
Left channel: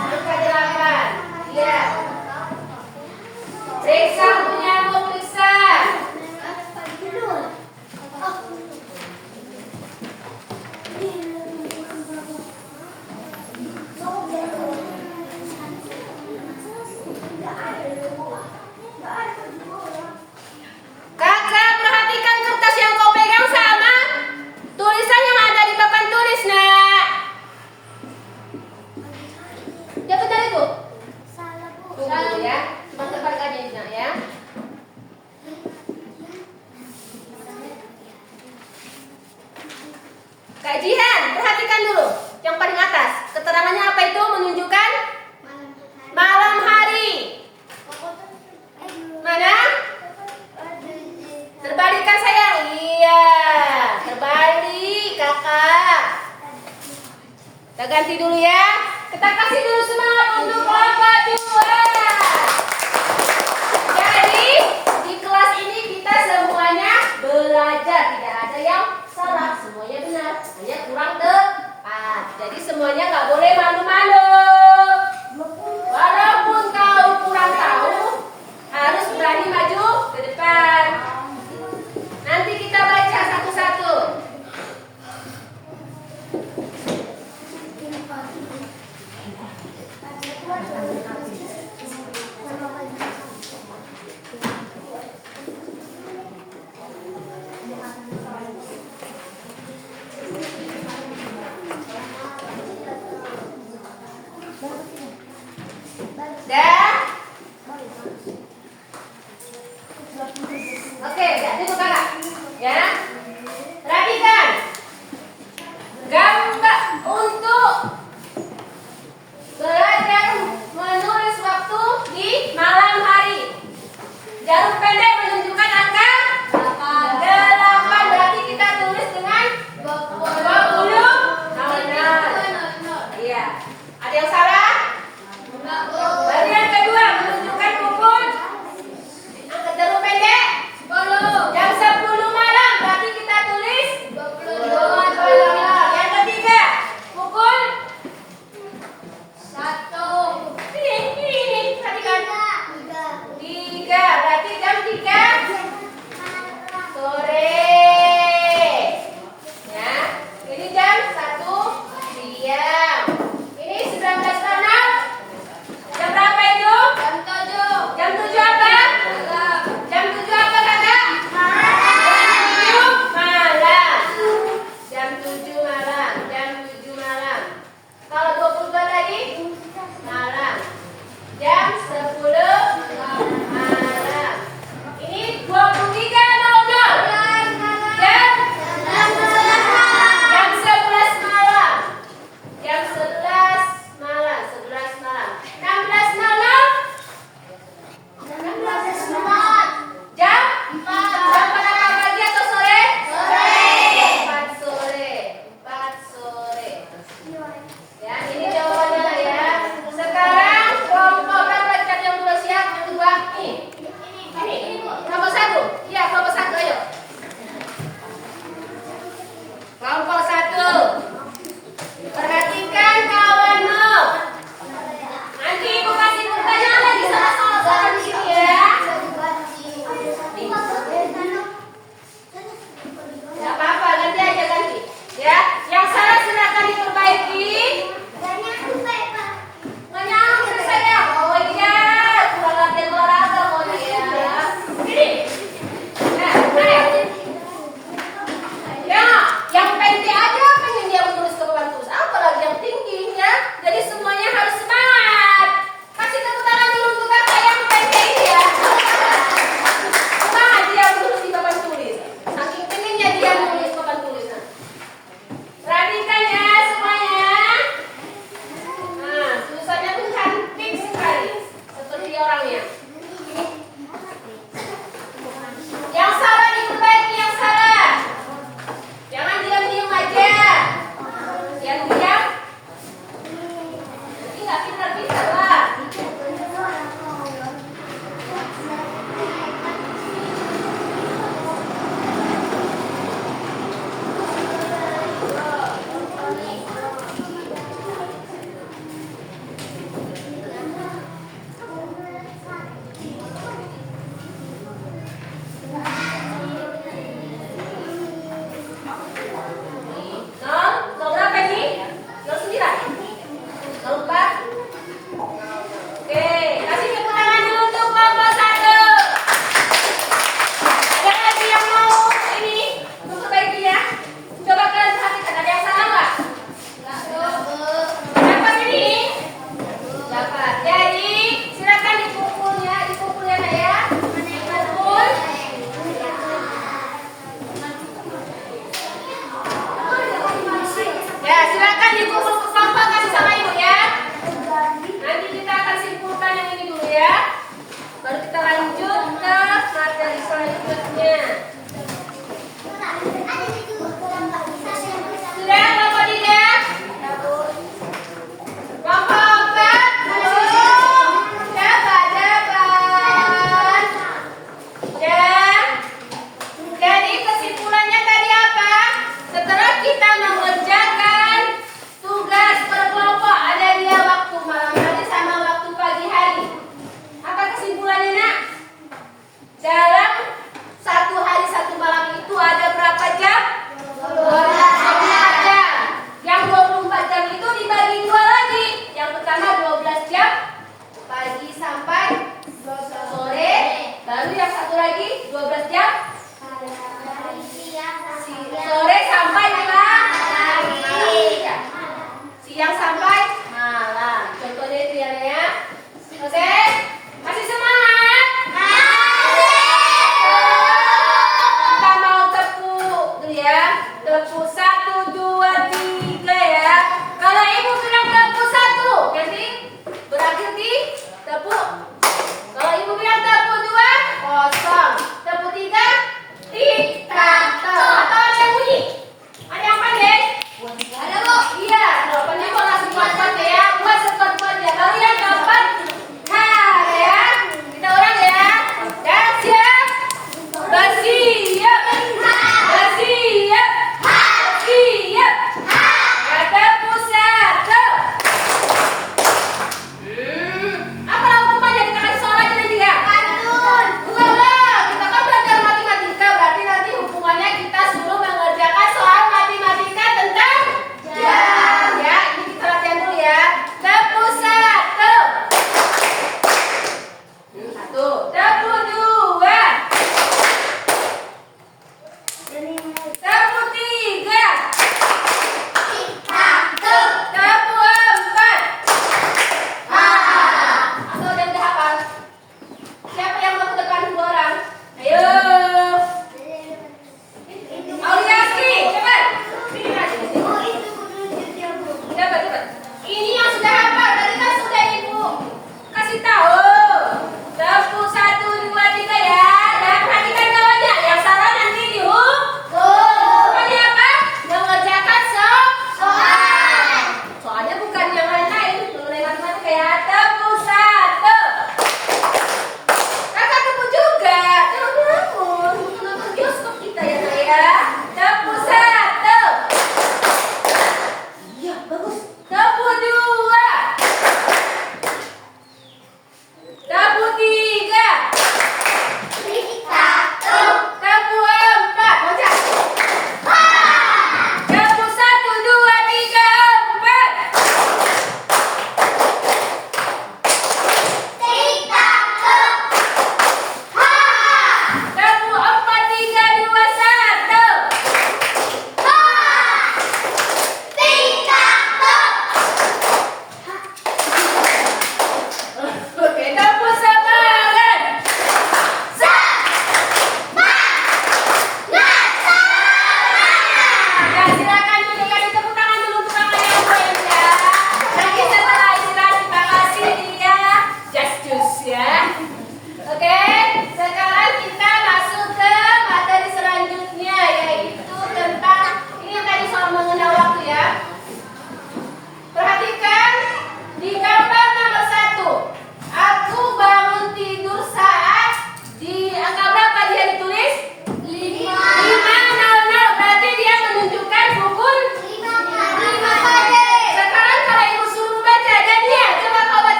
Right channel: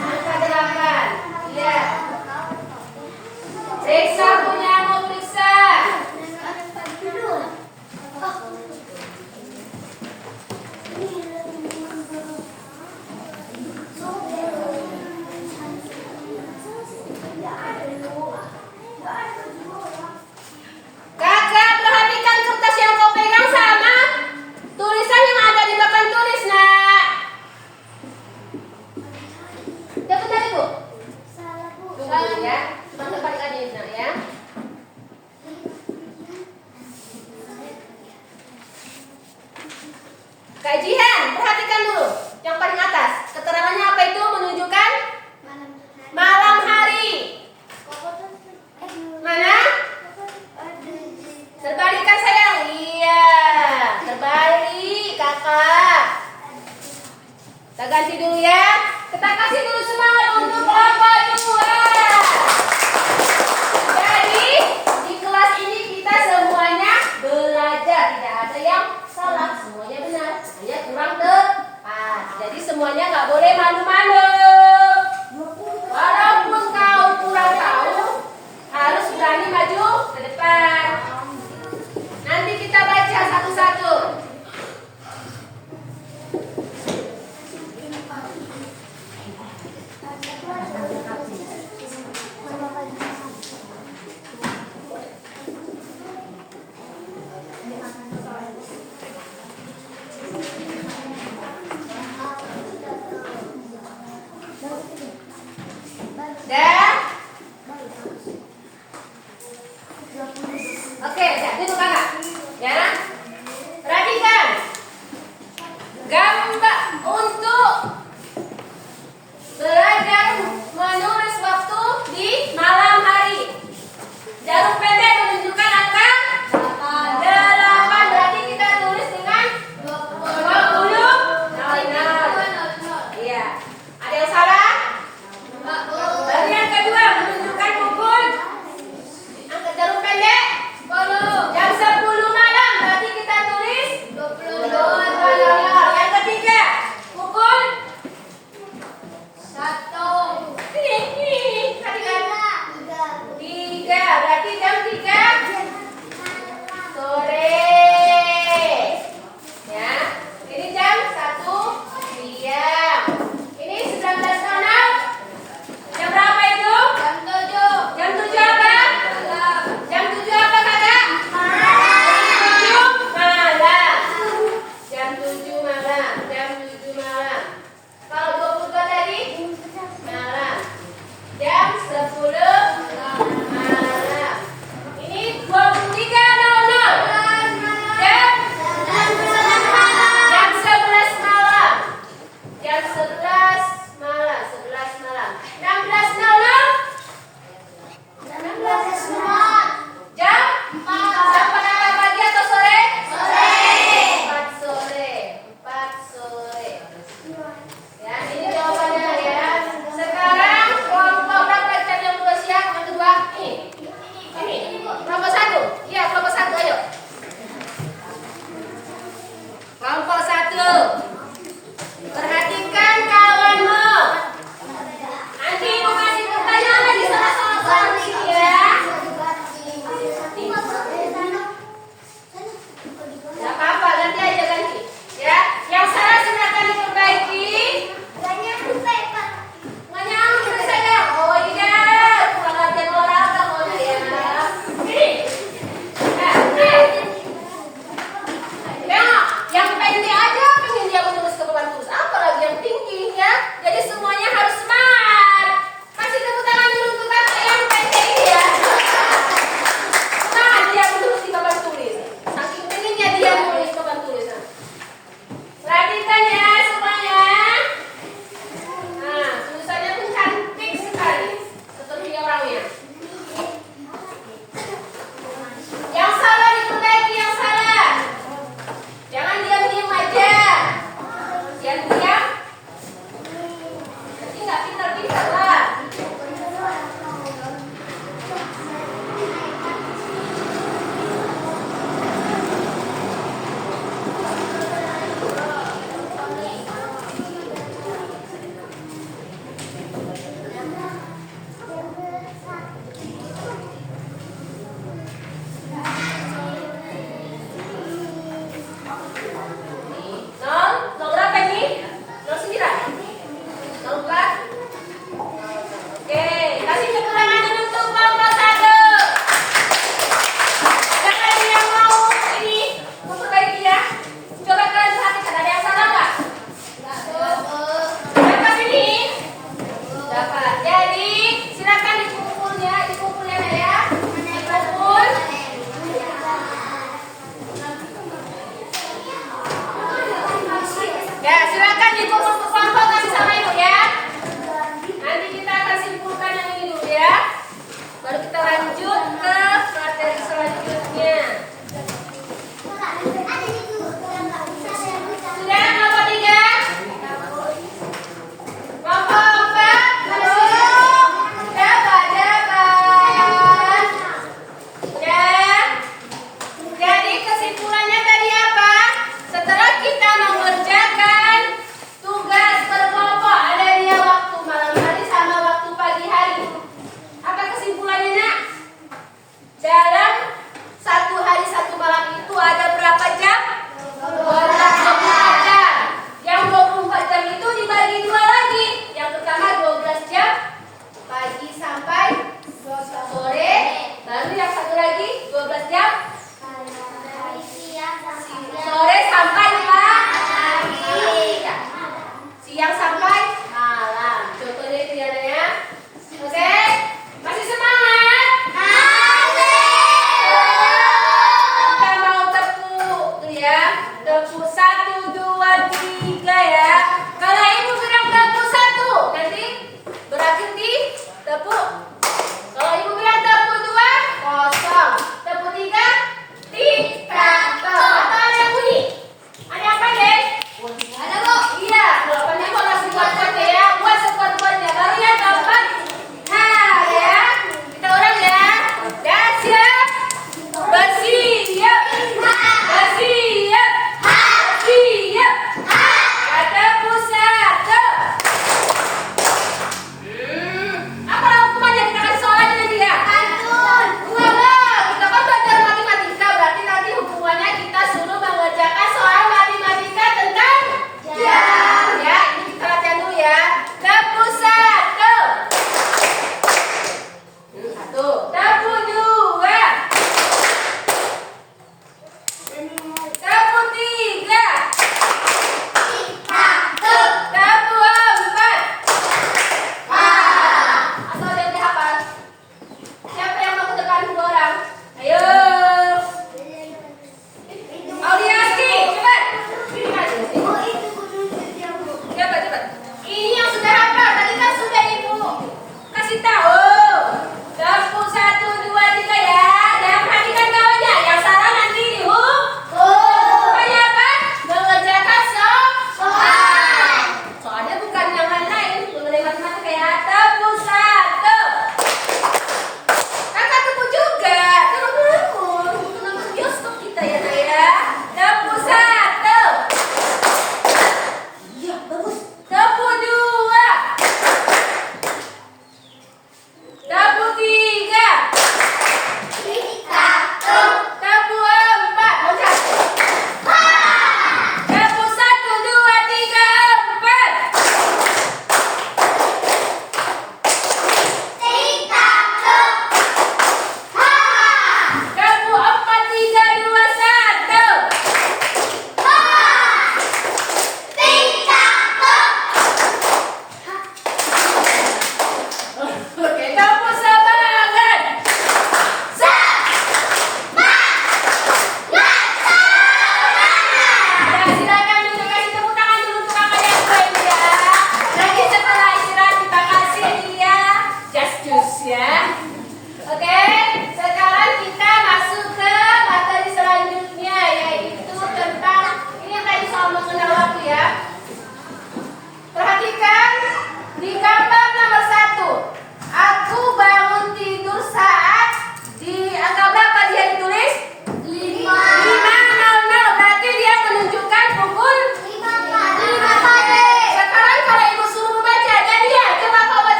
Angka 8. Iya. Periksa punya mau periksa. ya. Cuma terbalik aja nah ya. Kajian, perhatikan dulu. Yang paling atas, keterangannya apa itu? Menunjukkan malam hari. Mana? Terbalikan sayang. Iya, terbalik kakak. Kita ganti dulu ya. Kita kasih dulu semangat untuk kelompok 2. Jadi di kelas ini kita semuanya belajar, tidak ada yang salah, semuanya benar, hanya kurang tepat. Jadi semuanya nggak boleh malu-malu. Walaupun kau kurang tahu, harus berani maju ke depan. Nanti kita baca satu-satu.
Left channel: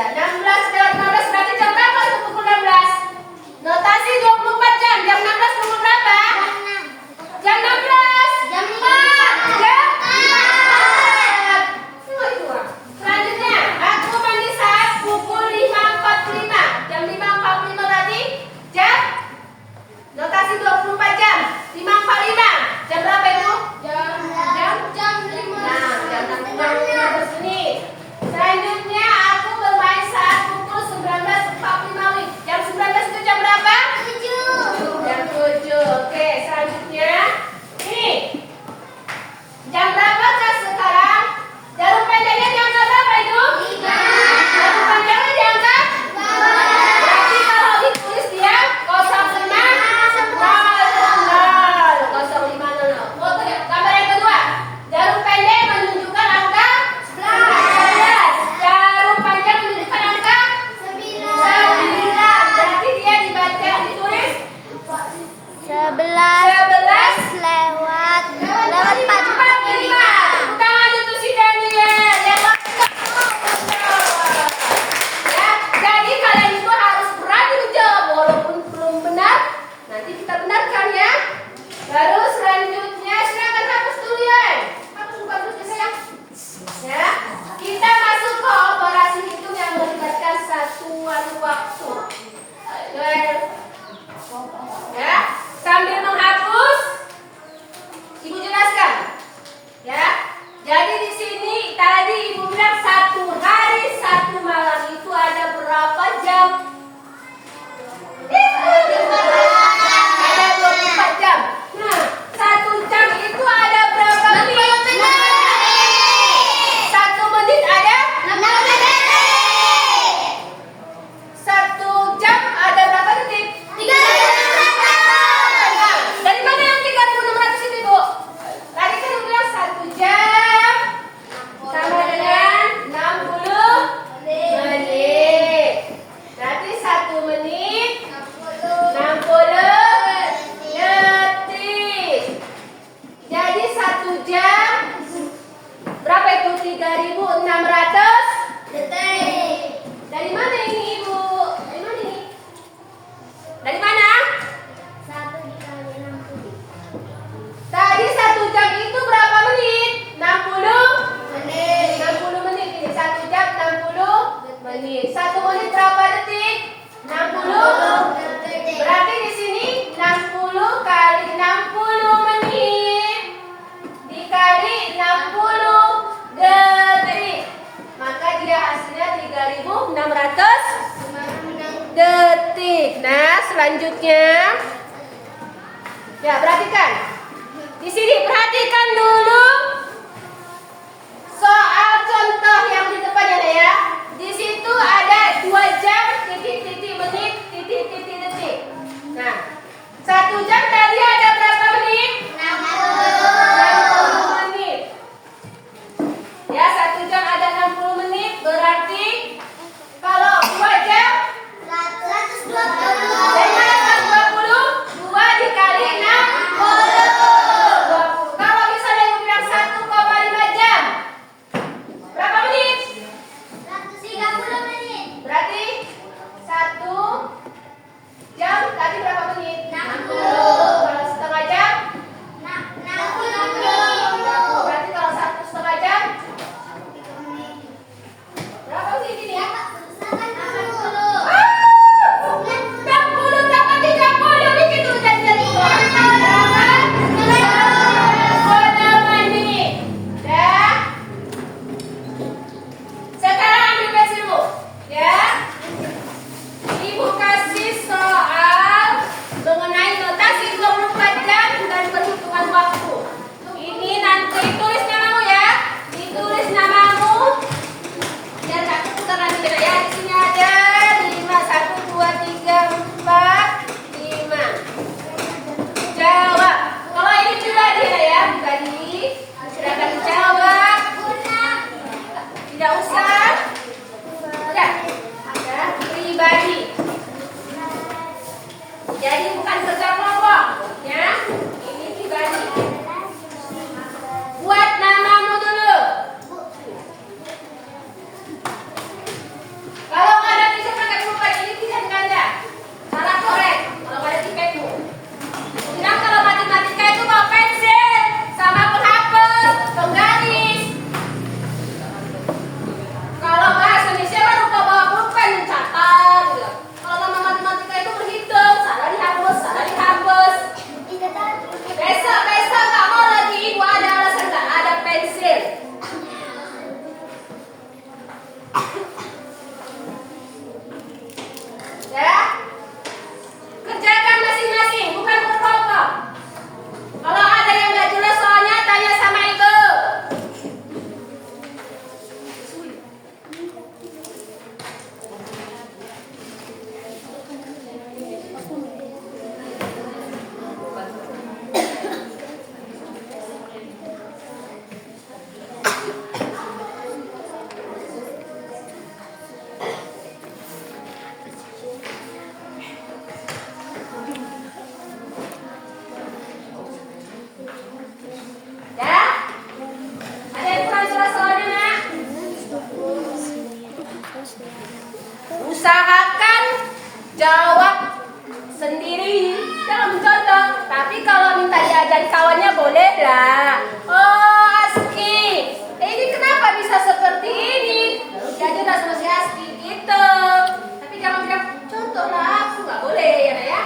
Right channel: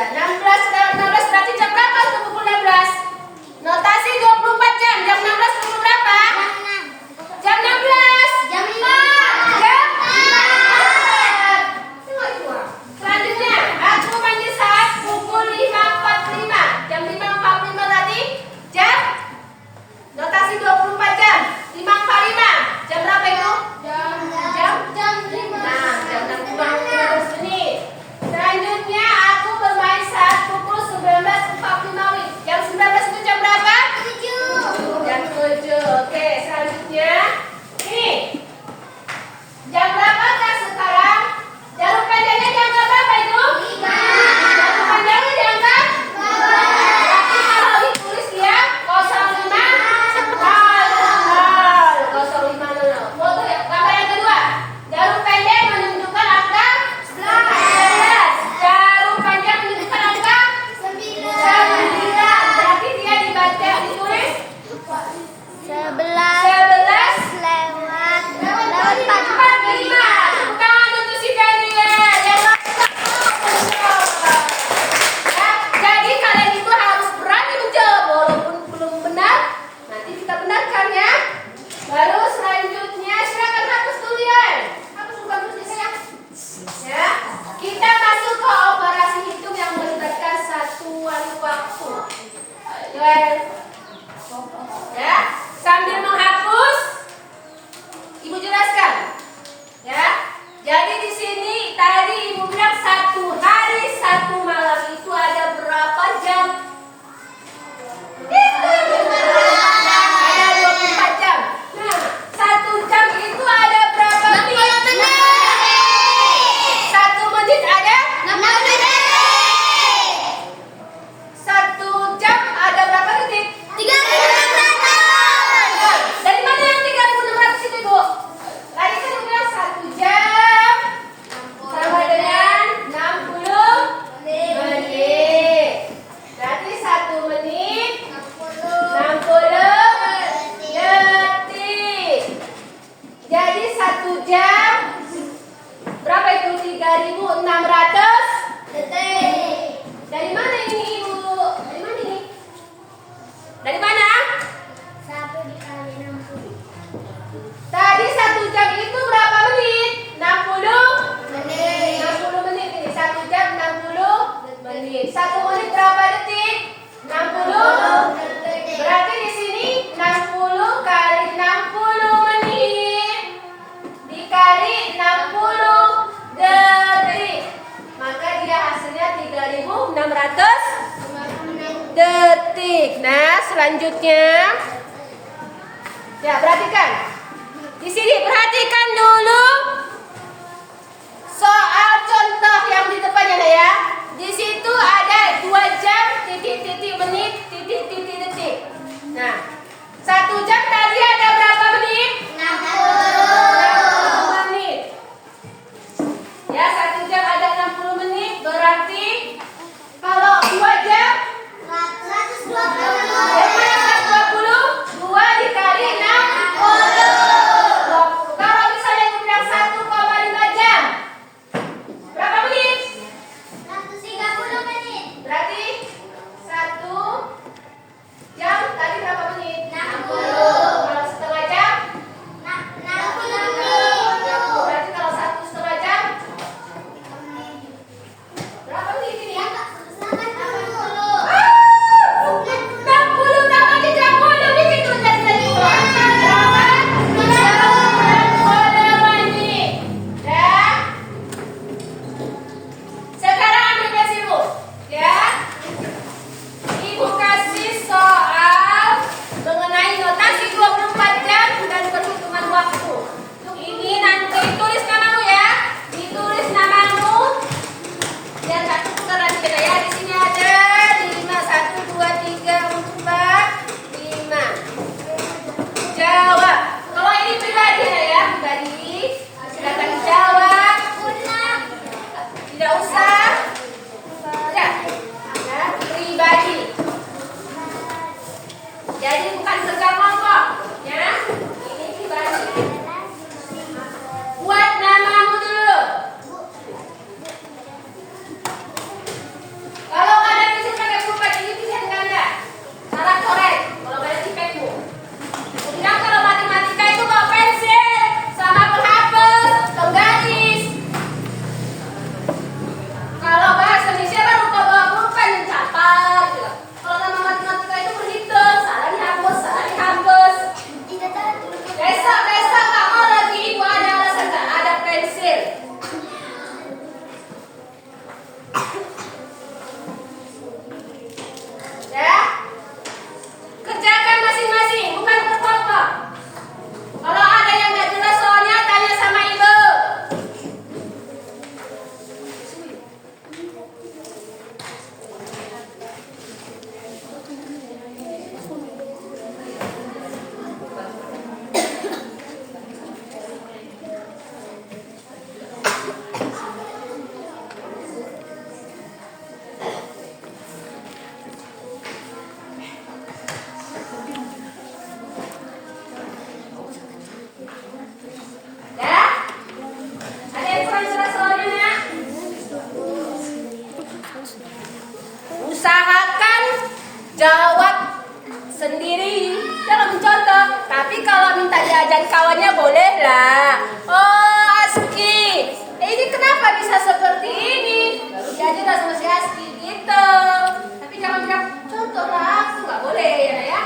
Ya, 16 lewat 15 berarti jam berapa untuk pukul 16? Notasi 24 jam. Jam 16 pukul berapa? Jam 16. Jam 5. Jam 4. Selanjutnya, aku mandi saat pukul 5.45. Jam 5.45 berarti jam notasi 24 jam. 5.45. Jam berapa itu? Jam 5. Nah, jam 6 menit. Selanjutnya aku bermain saat pukul 19.45. Jam 19 itu jam berapa? 7. Jam 7. Oke, selanjutnya ini. Jam berapa kah sekarang? Jarum panjangnya jam berapa itu? 5. Jarum panjangnya jam berapa? Berarti kalau ditulis dia 05.00. Foto ya. Gambar yang kedua. Jarum pendek menunjukkan angka 11. Jarum panjang menunjukkan angka 9. Berarti dia dibaca ditulis 11 lewat 45. Tangan untuk si Daniel. Ya, jadi kalian itu harus berani menjawab walaupun belum benar. Nanti kita benarkan ya. Lalu selanjutnya silakan hapus duluan. Hapus bagusnya sayang. Ya, kita masuk ke operasi hitung yang melibatkan satuan waktu. Ya, sambil menghapus, Ibu jelaskan. Ya, jadi di sini tadi Ibu bilang 1 hari 1 malam itu ada berapa jam? Ada 24 jam. Nah, 1 jam itu ada berapa menit? 1 menit ada? 1 jam ada berapa detik? Dari mana yang 3600 itu, Bu? Tadi kan Ibu bilang 1 jam sama dengan 60 menit. Berarti 1 menit 60 detik. Jadi 1 jam berapa itu? 3600 detik. Dari mana ini, Ibu? Dari mana ini? Dari mana? 1 dikali 60 Tadi 1 jam itu berapa menit? 60 menit. 60 menit. Ini 1 jam 60 menit. 1 menit berapa detik? 60 detik. Berarti di sini 60 kali 60 menit dikali 60 detik. Maka dia hasilnya 3600 detik. Nah, selanjutnya ya, perhatikan. Di sini perhatikan dulu soal contoh yang di depannya ya. Di situ ada 2 jam titik-titik menit titik-titik detik. Nah, 1 jam tadi ada berapa menit? 60 menit. Ya, 1 jam ada 60 menit berarti kalau 2 jam 120. dari mana 120? 2 dikali 60. Kalau misalnya Ibu bilang 1,5 jam. usahakan jawab sendiri, jangan mencontoh. Tapi kalau minta diajar kawannya boleh lah. Oh Aski, ini kenapa bisa seperti ini? Baru diajar lah sama si Aski gitu. Tapi jangan bilang contoh lah, aku nggak boleh ya Nak ya.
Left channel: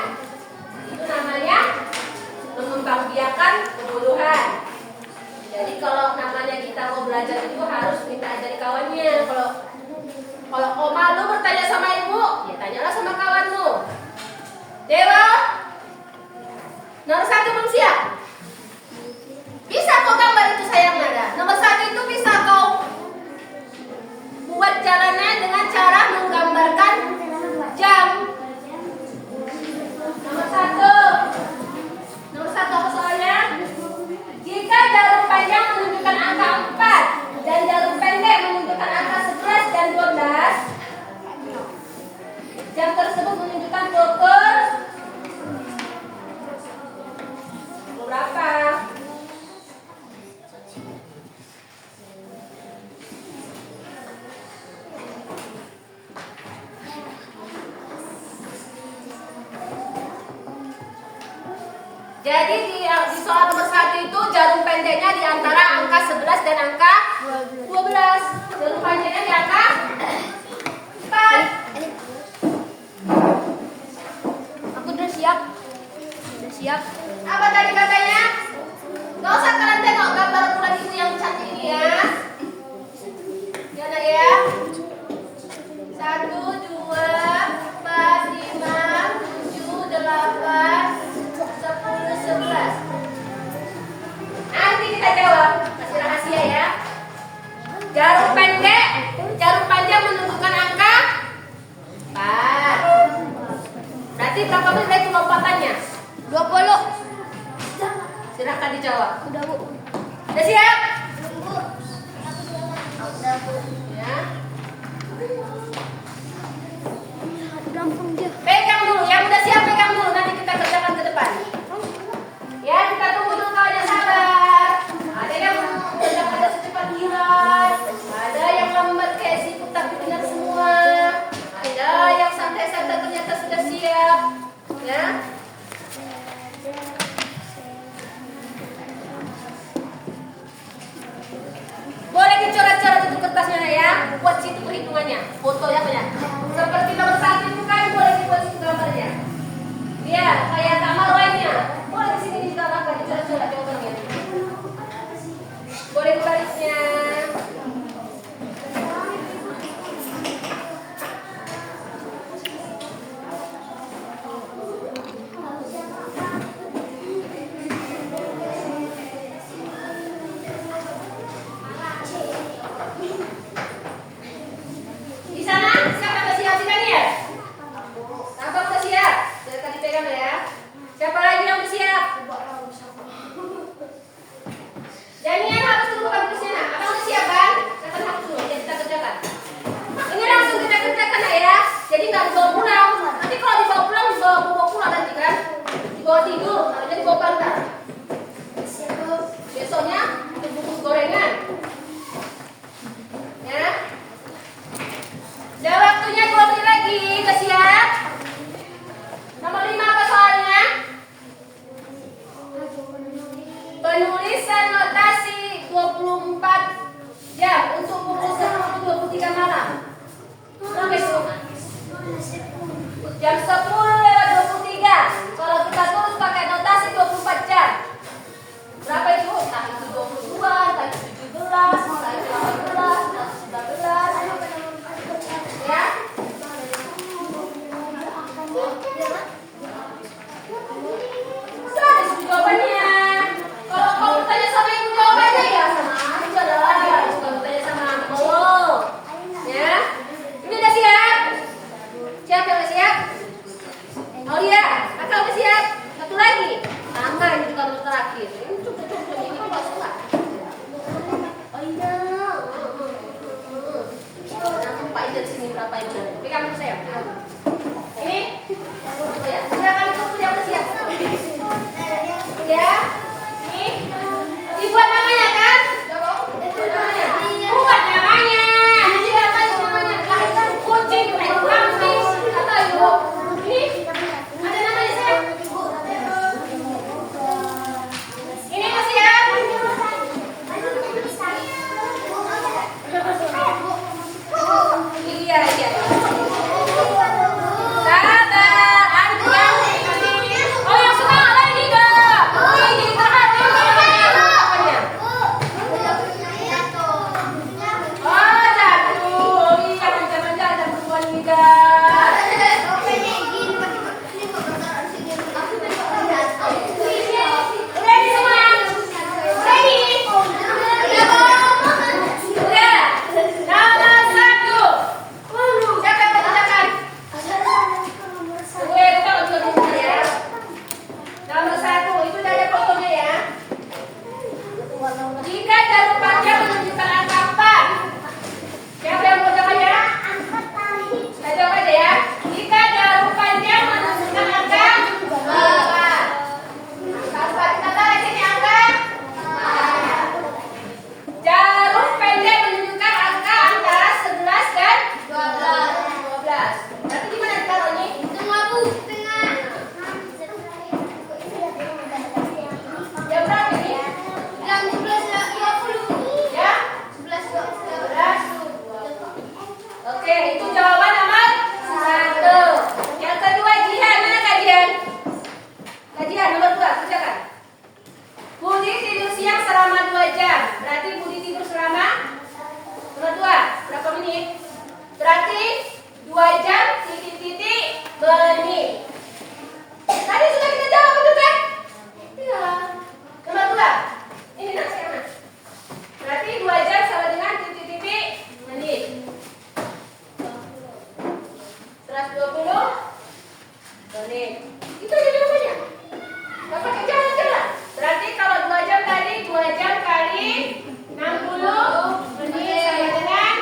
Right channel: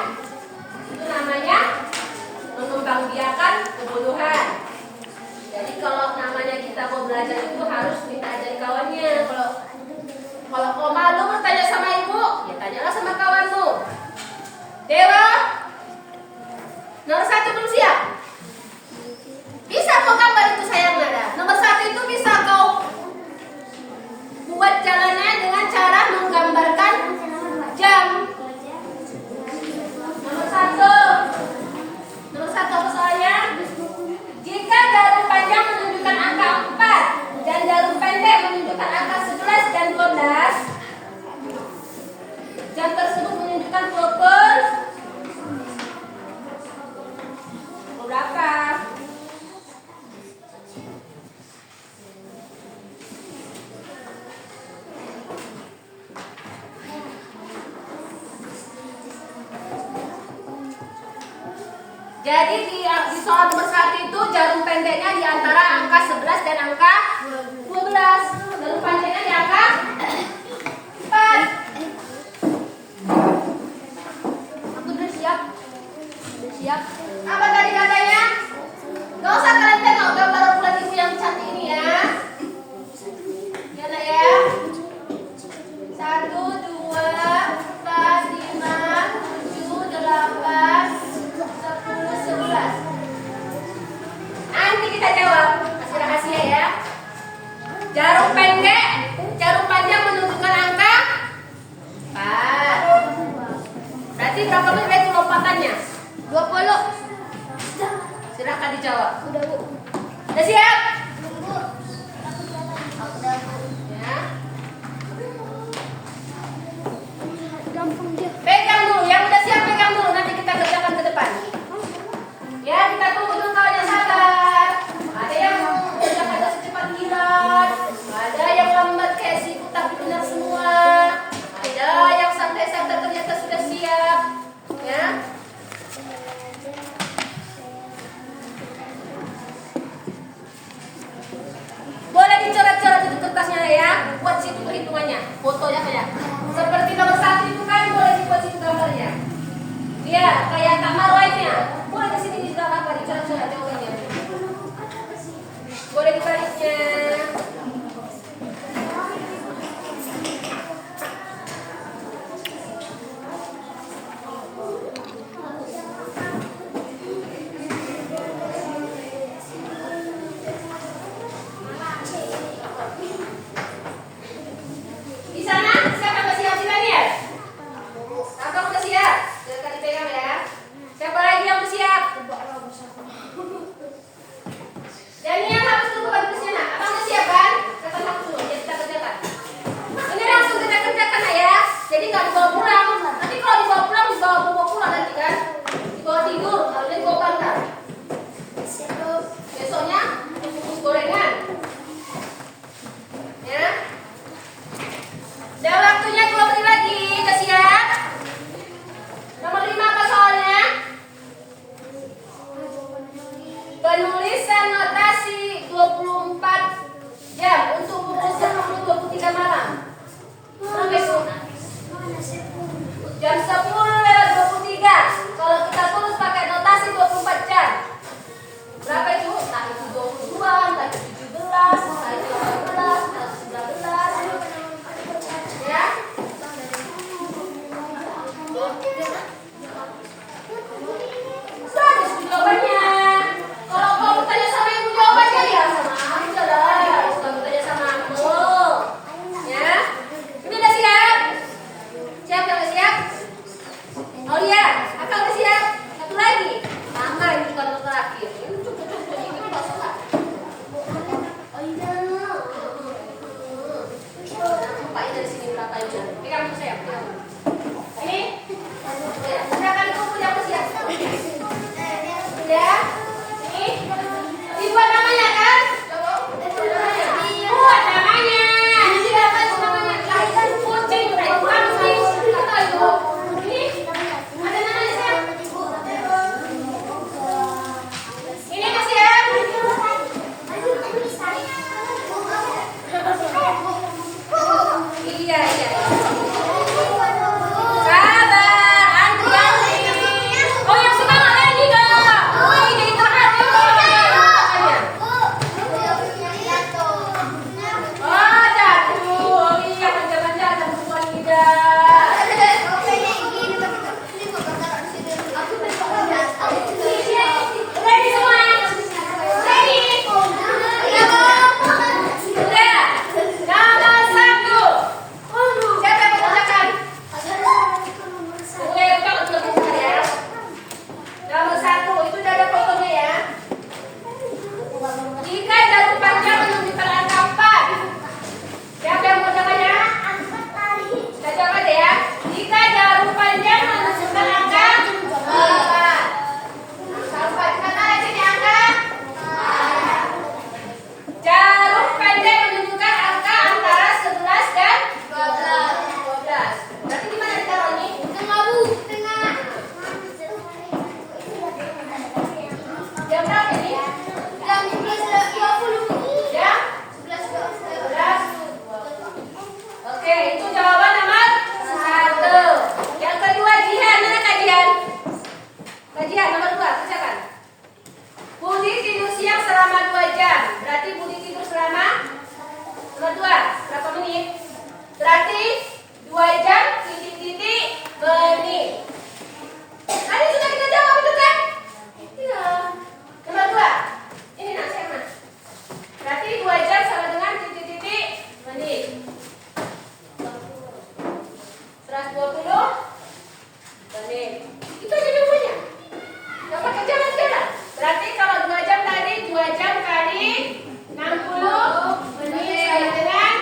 Itu namanya mengembangbiakan kebodohan. Jadi kalau namanya kita mau belajar itu harus minta ajari kawannya. Kalau kau malu bertanya sama ibu, ya tanyalah sama kawanmu. Dewa, nomor 1 belum siap? Bisa kau gambar itu sayang Nada. Nomor 1 itu bisa kau buat jalannya dengan cara menggambarkan jam. Nomor 1 apa soalnya? Jika jarum panjang menunjukkan angka 4 dan jarum pendek menunjukkan angka 11 dan 12, jam tersebut menunjukkan pukul berapa? Jadi di soal nomor 1 itu jarum pendeknya di antara angka 11 dan angka 12. Jarum panjangnya di angka 4. Udah siap? Udah siap? Apa tadi katanya? Gak usah kalian tengok gambar bulan ibu yang cantik ini ya. Ya Nak ya. 1, 2, 4, 5, 7, 8, 11. Nanti kita jawab, kasih rahasia ya. Jarum pendek, jarum panjang menunjukkan angka 4. Berarti berapa menit itu lompatannya? 20. Silakan dijawab. Udah Bu. Udah siap? Udah Bu. Ya. Gampang dia. Pegang dulu, yang udah siap pegang dulu. Nanti kita kerjakan ke depan. Ya, kita tunggu dulu kawan yang sabar. Ada yang ada secepat kilat, ada yang lambat kayak siput tapi benar semua. Ada yang santai-santai ternyata sudah siap. Ya. Boleh dicoret-coret itu kertasnya ya. Buat situ perhitungannya. Fotonya banyak. Seperti nomor 1 itu kan boleh dibuat situ gambarnya. Ya, kayak kamar lainnya. Boleh di sini ditambahkan dicoret-coret jawabannya. Boleh dibaliknya. Di sana siapa yang siap sih Daniel? Tampak udah siap? Silakan dipegang ya. Siapa lagi yang siap? Daniel hapus dulu bukan di sana. Abang udah siap kan? Silakan hapus dulu. Jadi kita kerjakan. Ini langsung kita kerjakan ya. Jadi nggak dibawa pulang. Nanti kalau dibawa pulang dibawa pulang nanti kan? Dibawa tidur. Harusnya dibawa bantal. Besoknya bungkus gorengan. Ya. Dan waktunya 2 menit lagi. Udah siap? Nomor 5 apa soalnya? Penulisan notasi 24 jam untuk pukul 10.23 malam. Berapa itu? Jam 10:23. Kalau kita tulis pakai notasi 24 jam. Berapa itu? Entah itu 22, entah itu 17, entah itu 18, entah itu 19. Ya? Sudah ada jawabannya. Kalau kau bertanya sama ibu jawabannya ya sama aja lah. Bukan bertanya sama aku. Ya? Ini udah siap? Siap ya udah siap? Oh iya, Kakak udah siap? Satu lagi. Sama ini bukan yang terakhir. Ini cukup-cukup ini kok suka. Oh iya. Aku pakai dari sini berapa itu? Pegang saya. Ini. Ya, silakan ibu punya udah siap. Ya. Ini. Dibuat namanya kan? Buat namanya. Ini apa namanya? Lahirkan kucing, kurang sih. Iya. Sabar, Andrea. Oh, yang semangat lagi dong. Wih, jadi terharu makanya. Oh, jatuh. Oh iya, jangan jatuh lidah. Ready semua? Ready? Udah. Nomor 1. Siapa yang mengerjakan? Boleh buka untuk buku ya. Nomor 1 itu udah ada fotonya ya. Jika jarum panjang menunjukkan angka 4. Siapa yang mengerjakannya? Saya jawab aja ya. Jika jarum panjang menunjukkan angka 4. Sampai kita tarik sini angka. Jarum pendek menunjukkan angka antara 11 dan 12. Berarti di mana ditaruh nih? Jam berapa ini? Jam 11. Oke, itu jawaban nomor 1. Yang kedua, Jihan. Mana Kak Jihan? Kak Jihan, nomor 2, kerjakan. Budi tidur siang selama 2 jam. Berarti Budi tidur selama nomor 2. Berapa menit? Berarti 2 jam titik-titik menit. Tadi sudah kita jawab betul kan? Iya. Nomor 2. Ini nasi anak. Berarti 2 jam sama dengan titik-titik menit. 120 menit. Itu aja jawabannya. Gak pakai jalan-jalan. Berarti kalau 2 jam tadi 2 jam kali 60 menit sama dengan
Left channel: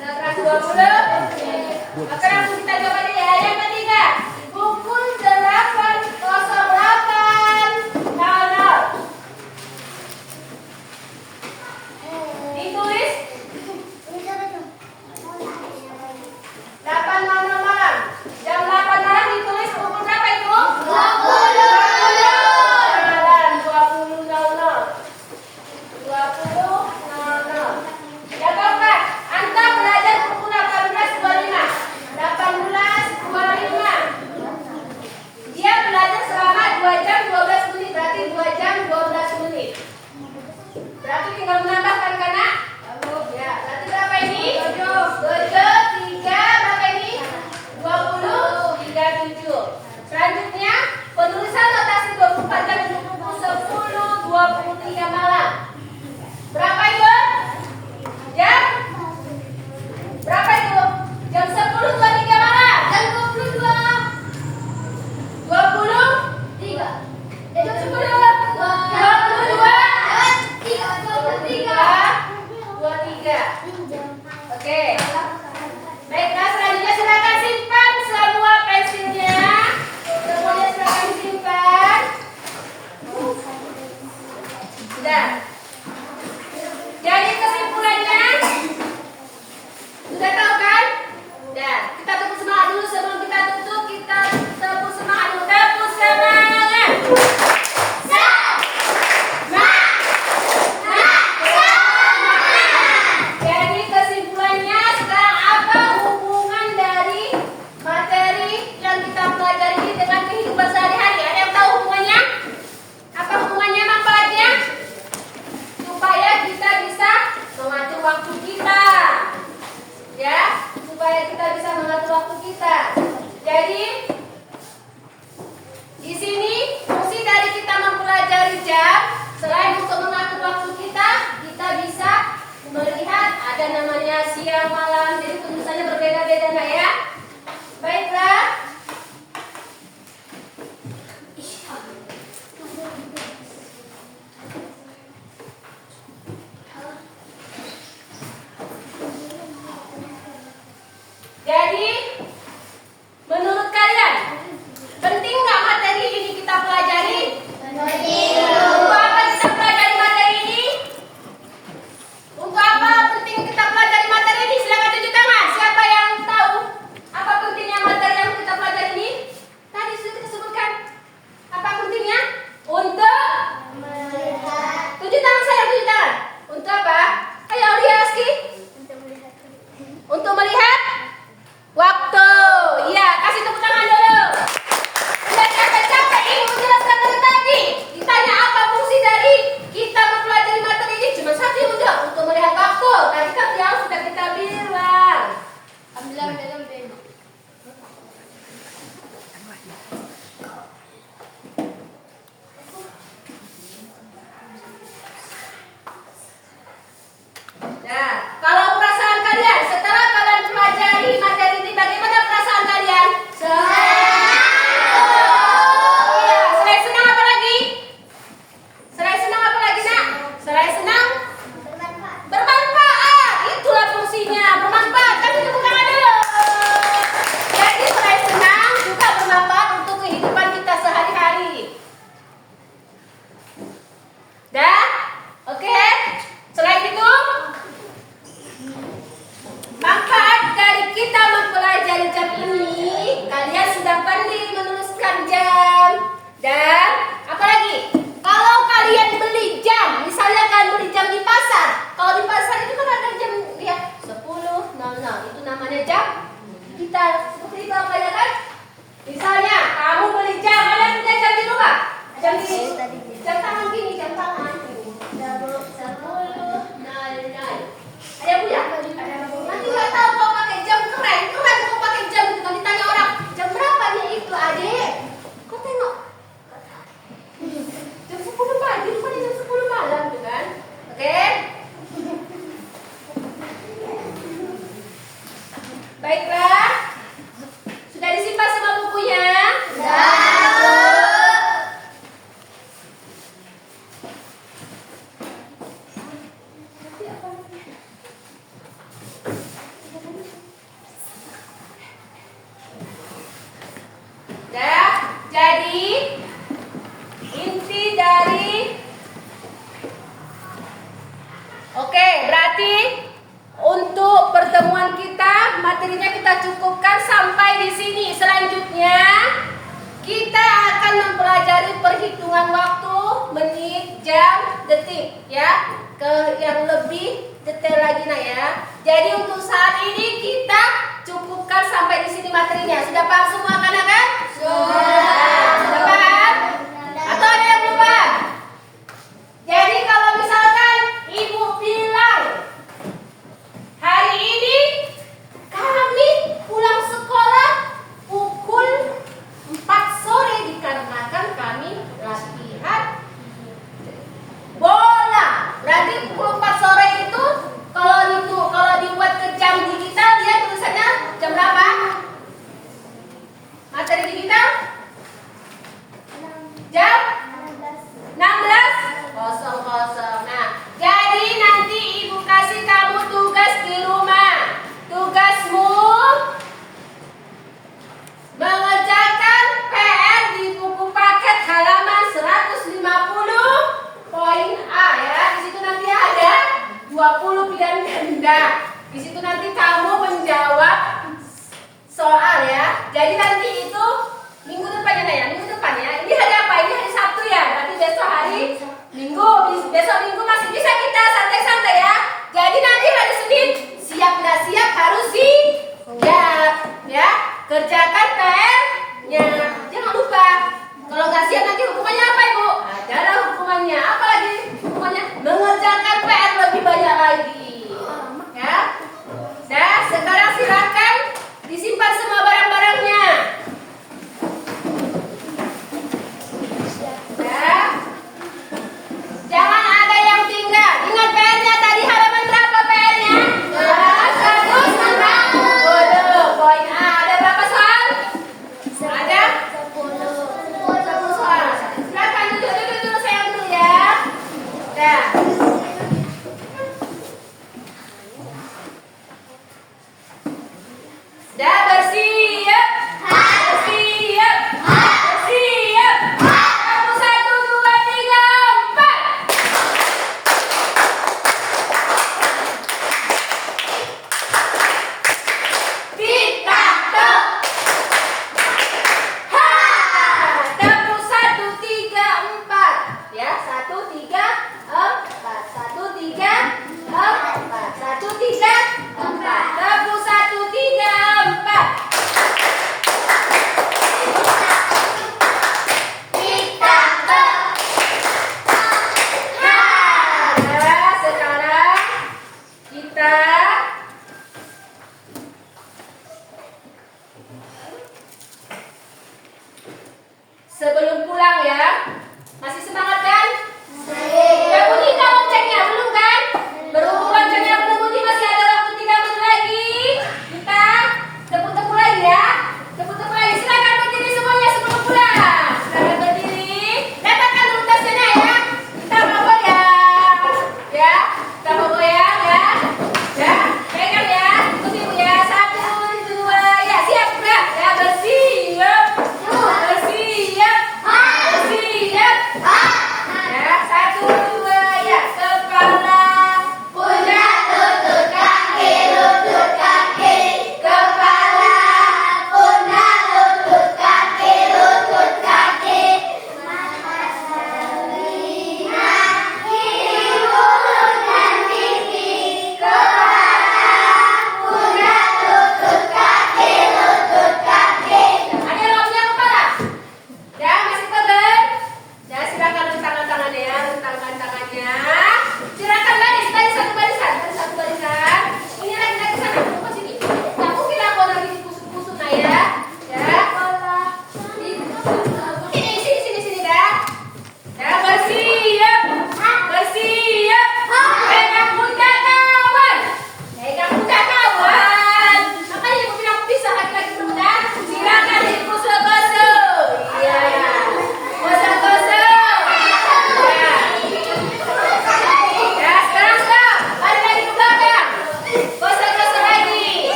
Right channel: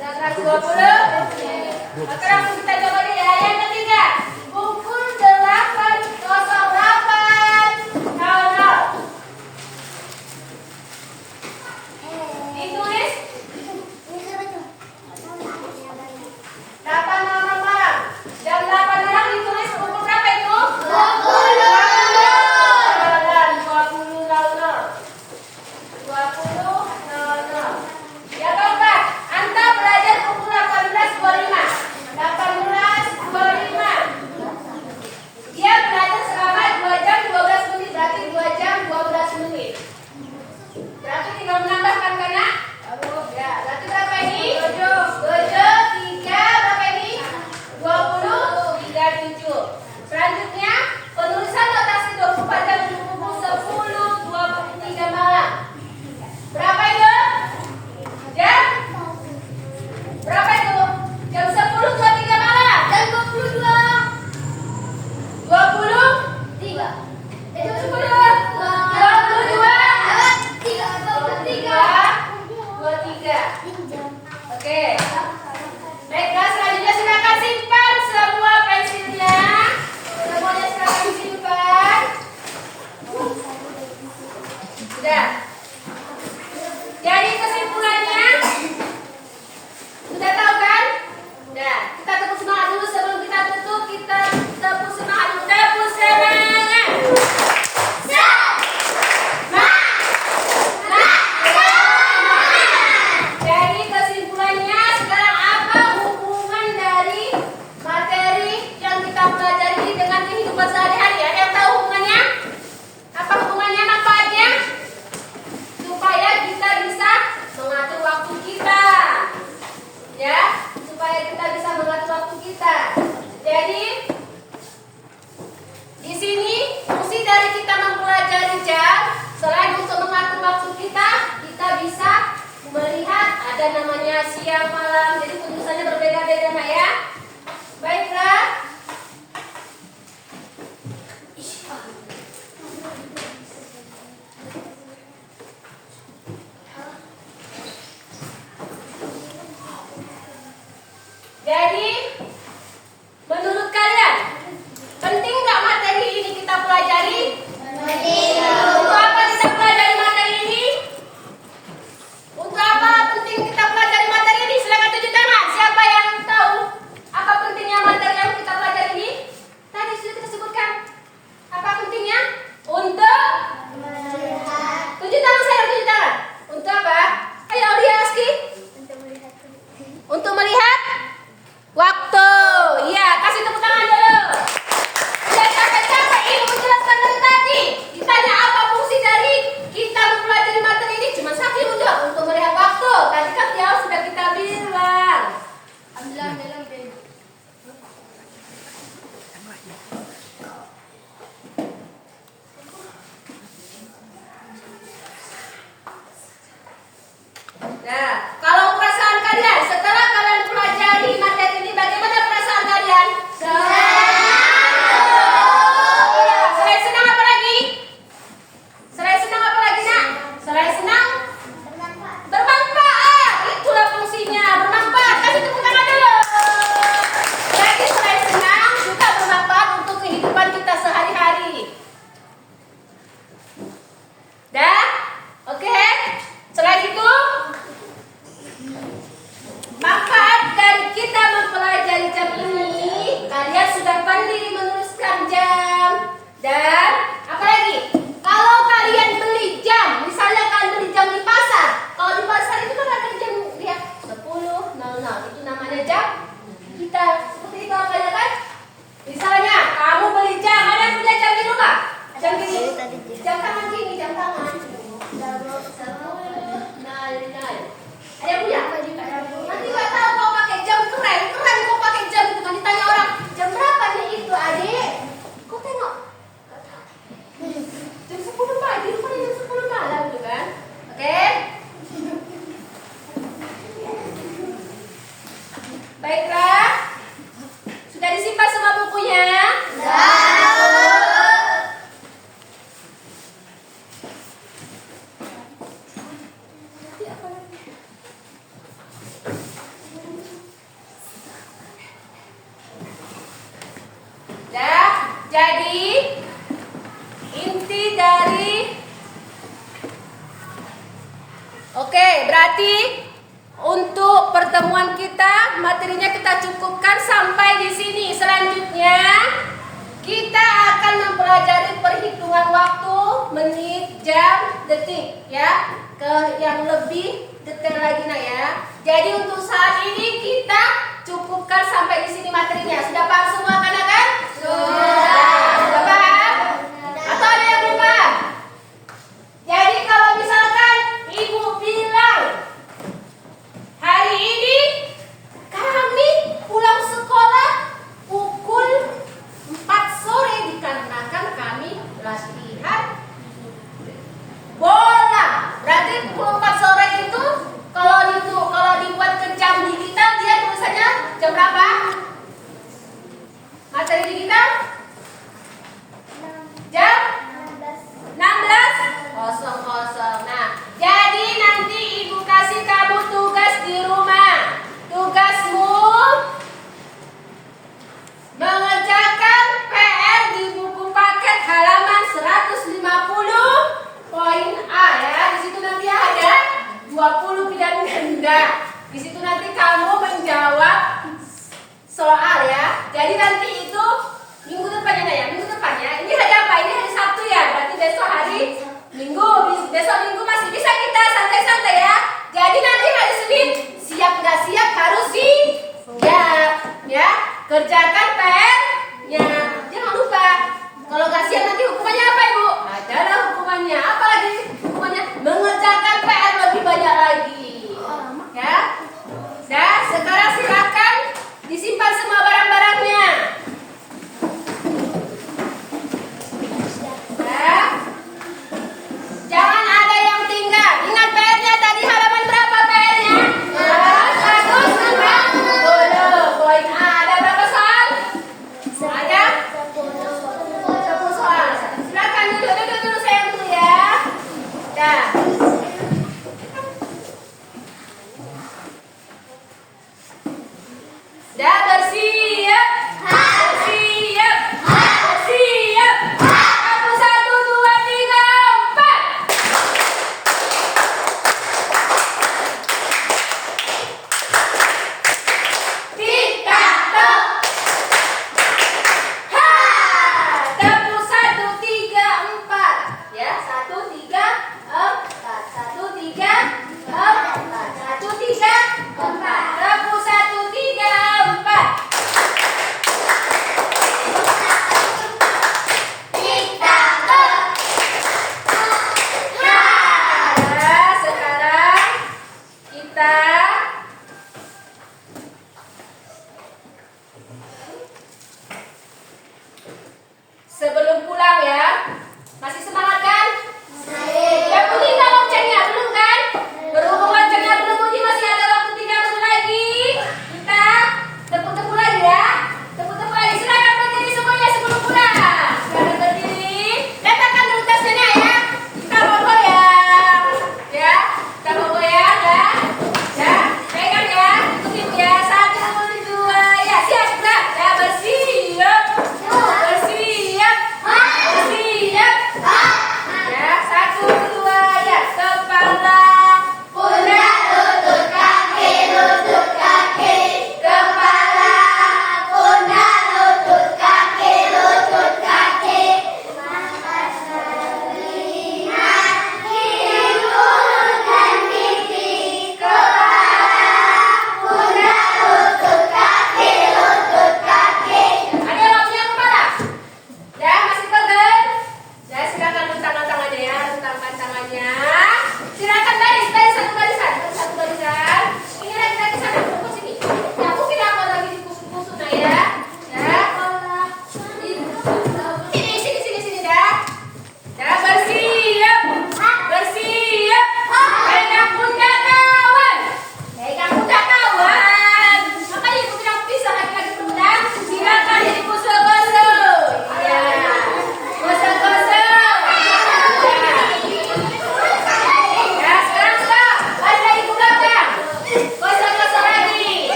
120 menit. Maka langsung kita jawab aja ya. Yang ketiga, pukul 8.08.00. Ditulis 8.00 malam. Jam 8 malam ditulis pukul berapa itu? 20.00. Yang keempat, Anta belajar pukul 18.25. 18.25. Dia belajar selama 2 jam 12 menit. Berarti 2 jam 12 menit. Berarti tinggal menambahkan kan nak? Ya, berarti berapa ini? 7, 3, berapa ini? 20, 37. Selanjutnya, penulisan notasi 24 jam untuk pukul 10.23 malam. Berapa itu? Jam? Berapa itu? Jam 10.23 malam. Jam 23. Jam 23. Oke. Baiklah, selanjutnya silakan simpan semua pensilnya. Semuanya silakan simpan. Sudah. Jadi kesimpulannya sudah tahu kan? Nah, kita tepuk semangat dulu sebelum kita tutup. Kita tepuk semangat dulu. Tepuk semangat. Jadi kesimpulannya sekarang apa hubungan dari materi yang kita pelajari ini dengan kehidupan sehari-hari? Ada yang tahu hubungannya? Apa hubungannya, manfaatnya? Supaya kita bisa mengatur waktu kita, ya, supaya kita bisa mengatur waktu kita. Jadi di sini fungsi dari kita mempelajari jam, selain untuk mengatur waktu kita bisa melihat ada namanya siang malam. Jadi tulisannya berbeda-beda, Nak ya. Baiklah. Jadi, menurut kalian, penting nggak materi ini kita pelajari? Untuk apa kita pelajari materi ini? Untuk apa penting kita pelajari materi ini? Silakan tunjuk tangan. Siapa yang tahu apa pentingnya materi yang kita pelajari ini? Tadi sudah kita sebutkan. Apa pentingnya? Untuk tunjuk tangan saya, tunjuk tangan. Untuk apa? Ayo lihat Aski. Untuk melihat digital. Seperti itu apa ya kan? Misalnya kamu beli jam, mana punya jam di rumah? Jam tangan gini, jam tangan. Ada yang punya? Nanti nggak tahu kau pakai jam keren kau pakai jam itu kan ditanya orang jam berapa nih itu adik? Kau tengok jam 10 pagi, rupanya jam 10 malam gitu kan? Oke? Baiklah, sudah disimpan semua bukunya? Jadi inti dari berarti untuk pertemuan kita materinya kita cukupkan sampai di sini. Selanjutnya kita akan mempelajari perhitungan waktu, menit, jam, detik ya. Ke yang lebih detail lagi nah ya. Jadi untuk saat ini kita cukupkan sampai di sini materinya. Sudah paham semua kan? Sudah paham? Atau ada yang belum paham? Jadi kalau misalkan ibu bilang hari ini kami pulang sekolah pukul 4 sore dikarenakan kami latihan bola. Berarti pukul 4 sore itu kalau dibuat ke jam digital dia tulisannya jam berapa? Materi digital? Jam 16:00. Nah, jadi nanti ibu kasih kamu tugas di rumah. Tugasmu mengerjakan PR di buku paket halaman 150 poin A ya. Di situ nanti ada 20 pilihan ganda. Di situ nanti kamu menjawab soal ya. Jadi nanti itu minggu depan ya, minggu depan ya. Ini hari apa? Ini hari Sabtu ya. Berarti besok hari Minggu. Besok Minggu masih bisa kita santai-santai ya. Jadi nanti hari Senin siap nggak siap harus siap ya. Kerjakan PR-nya. Jangan lupa. Kalau nggak siap nanti hukumannya apa ibu? Ada hukumannya. Apa lagi? Hukumannya mengerjakan PR lebih banyak lagi. Ya. Dan sekarang silakan disimpan semua barang-barangnya. Ya. Jangan ada yang tinggal. Ingat PR-nya tadi halaman berapa PR-nya? 150. Poin A. Ada berapa soal?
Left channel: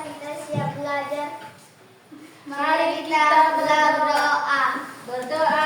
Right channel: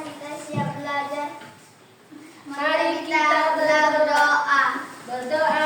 kita siap belajar, Mari kita berdoa. berdoa.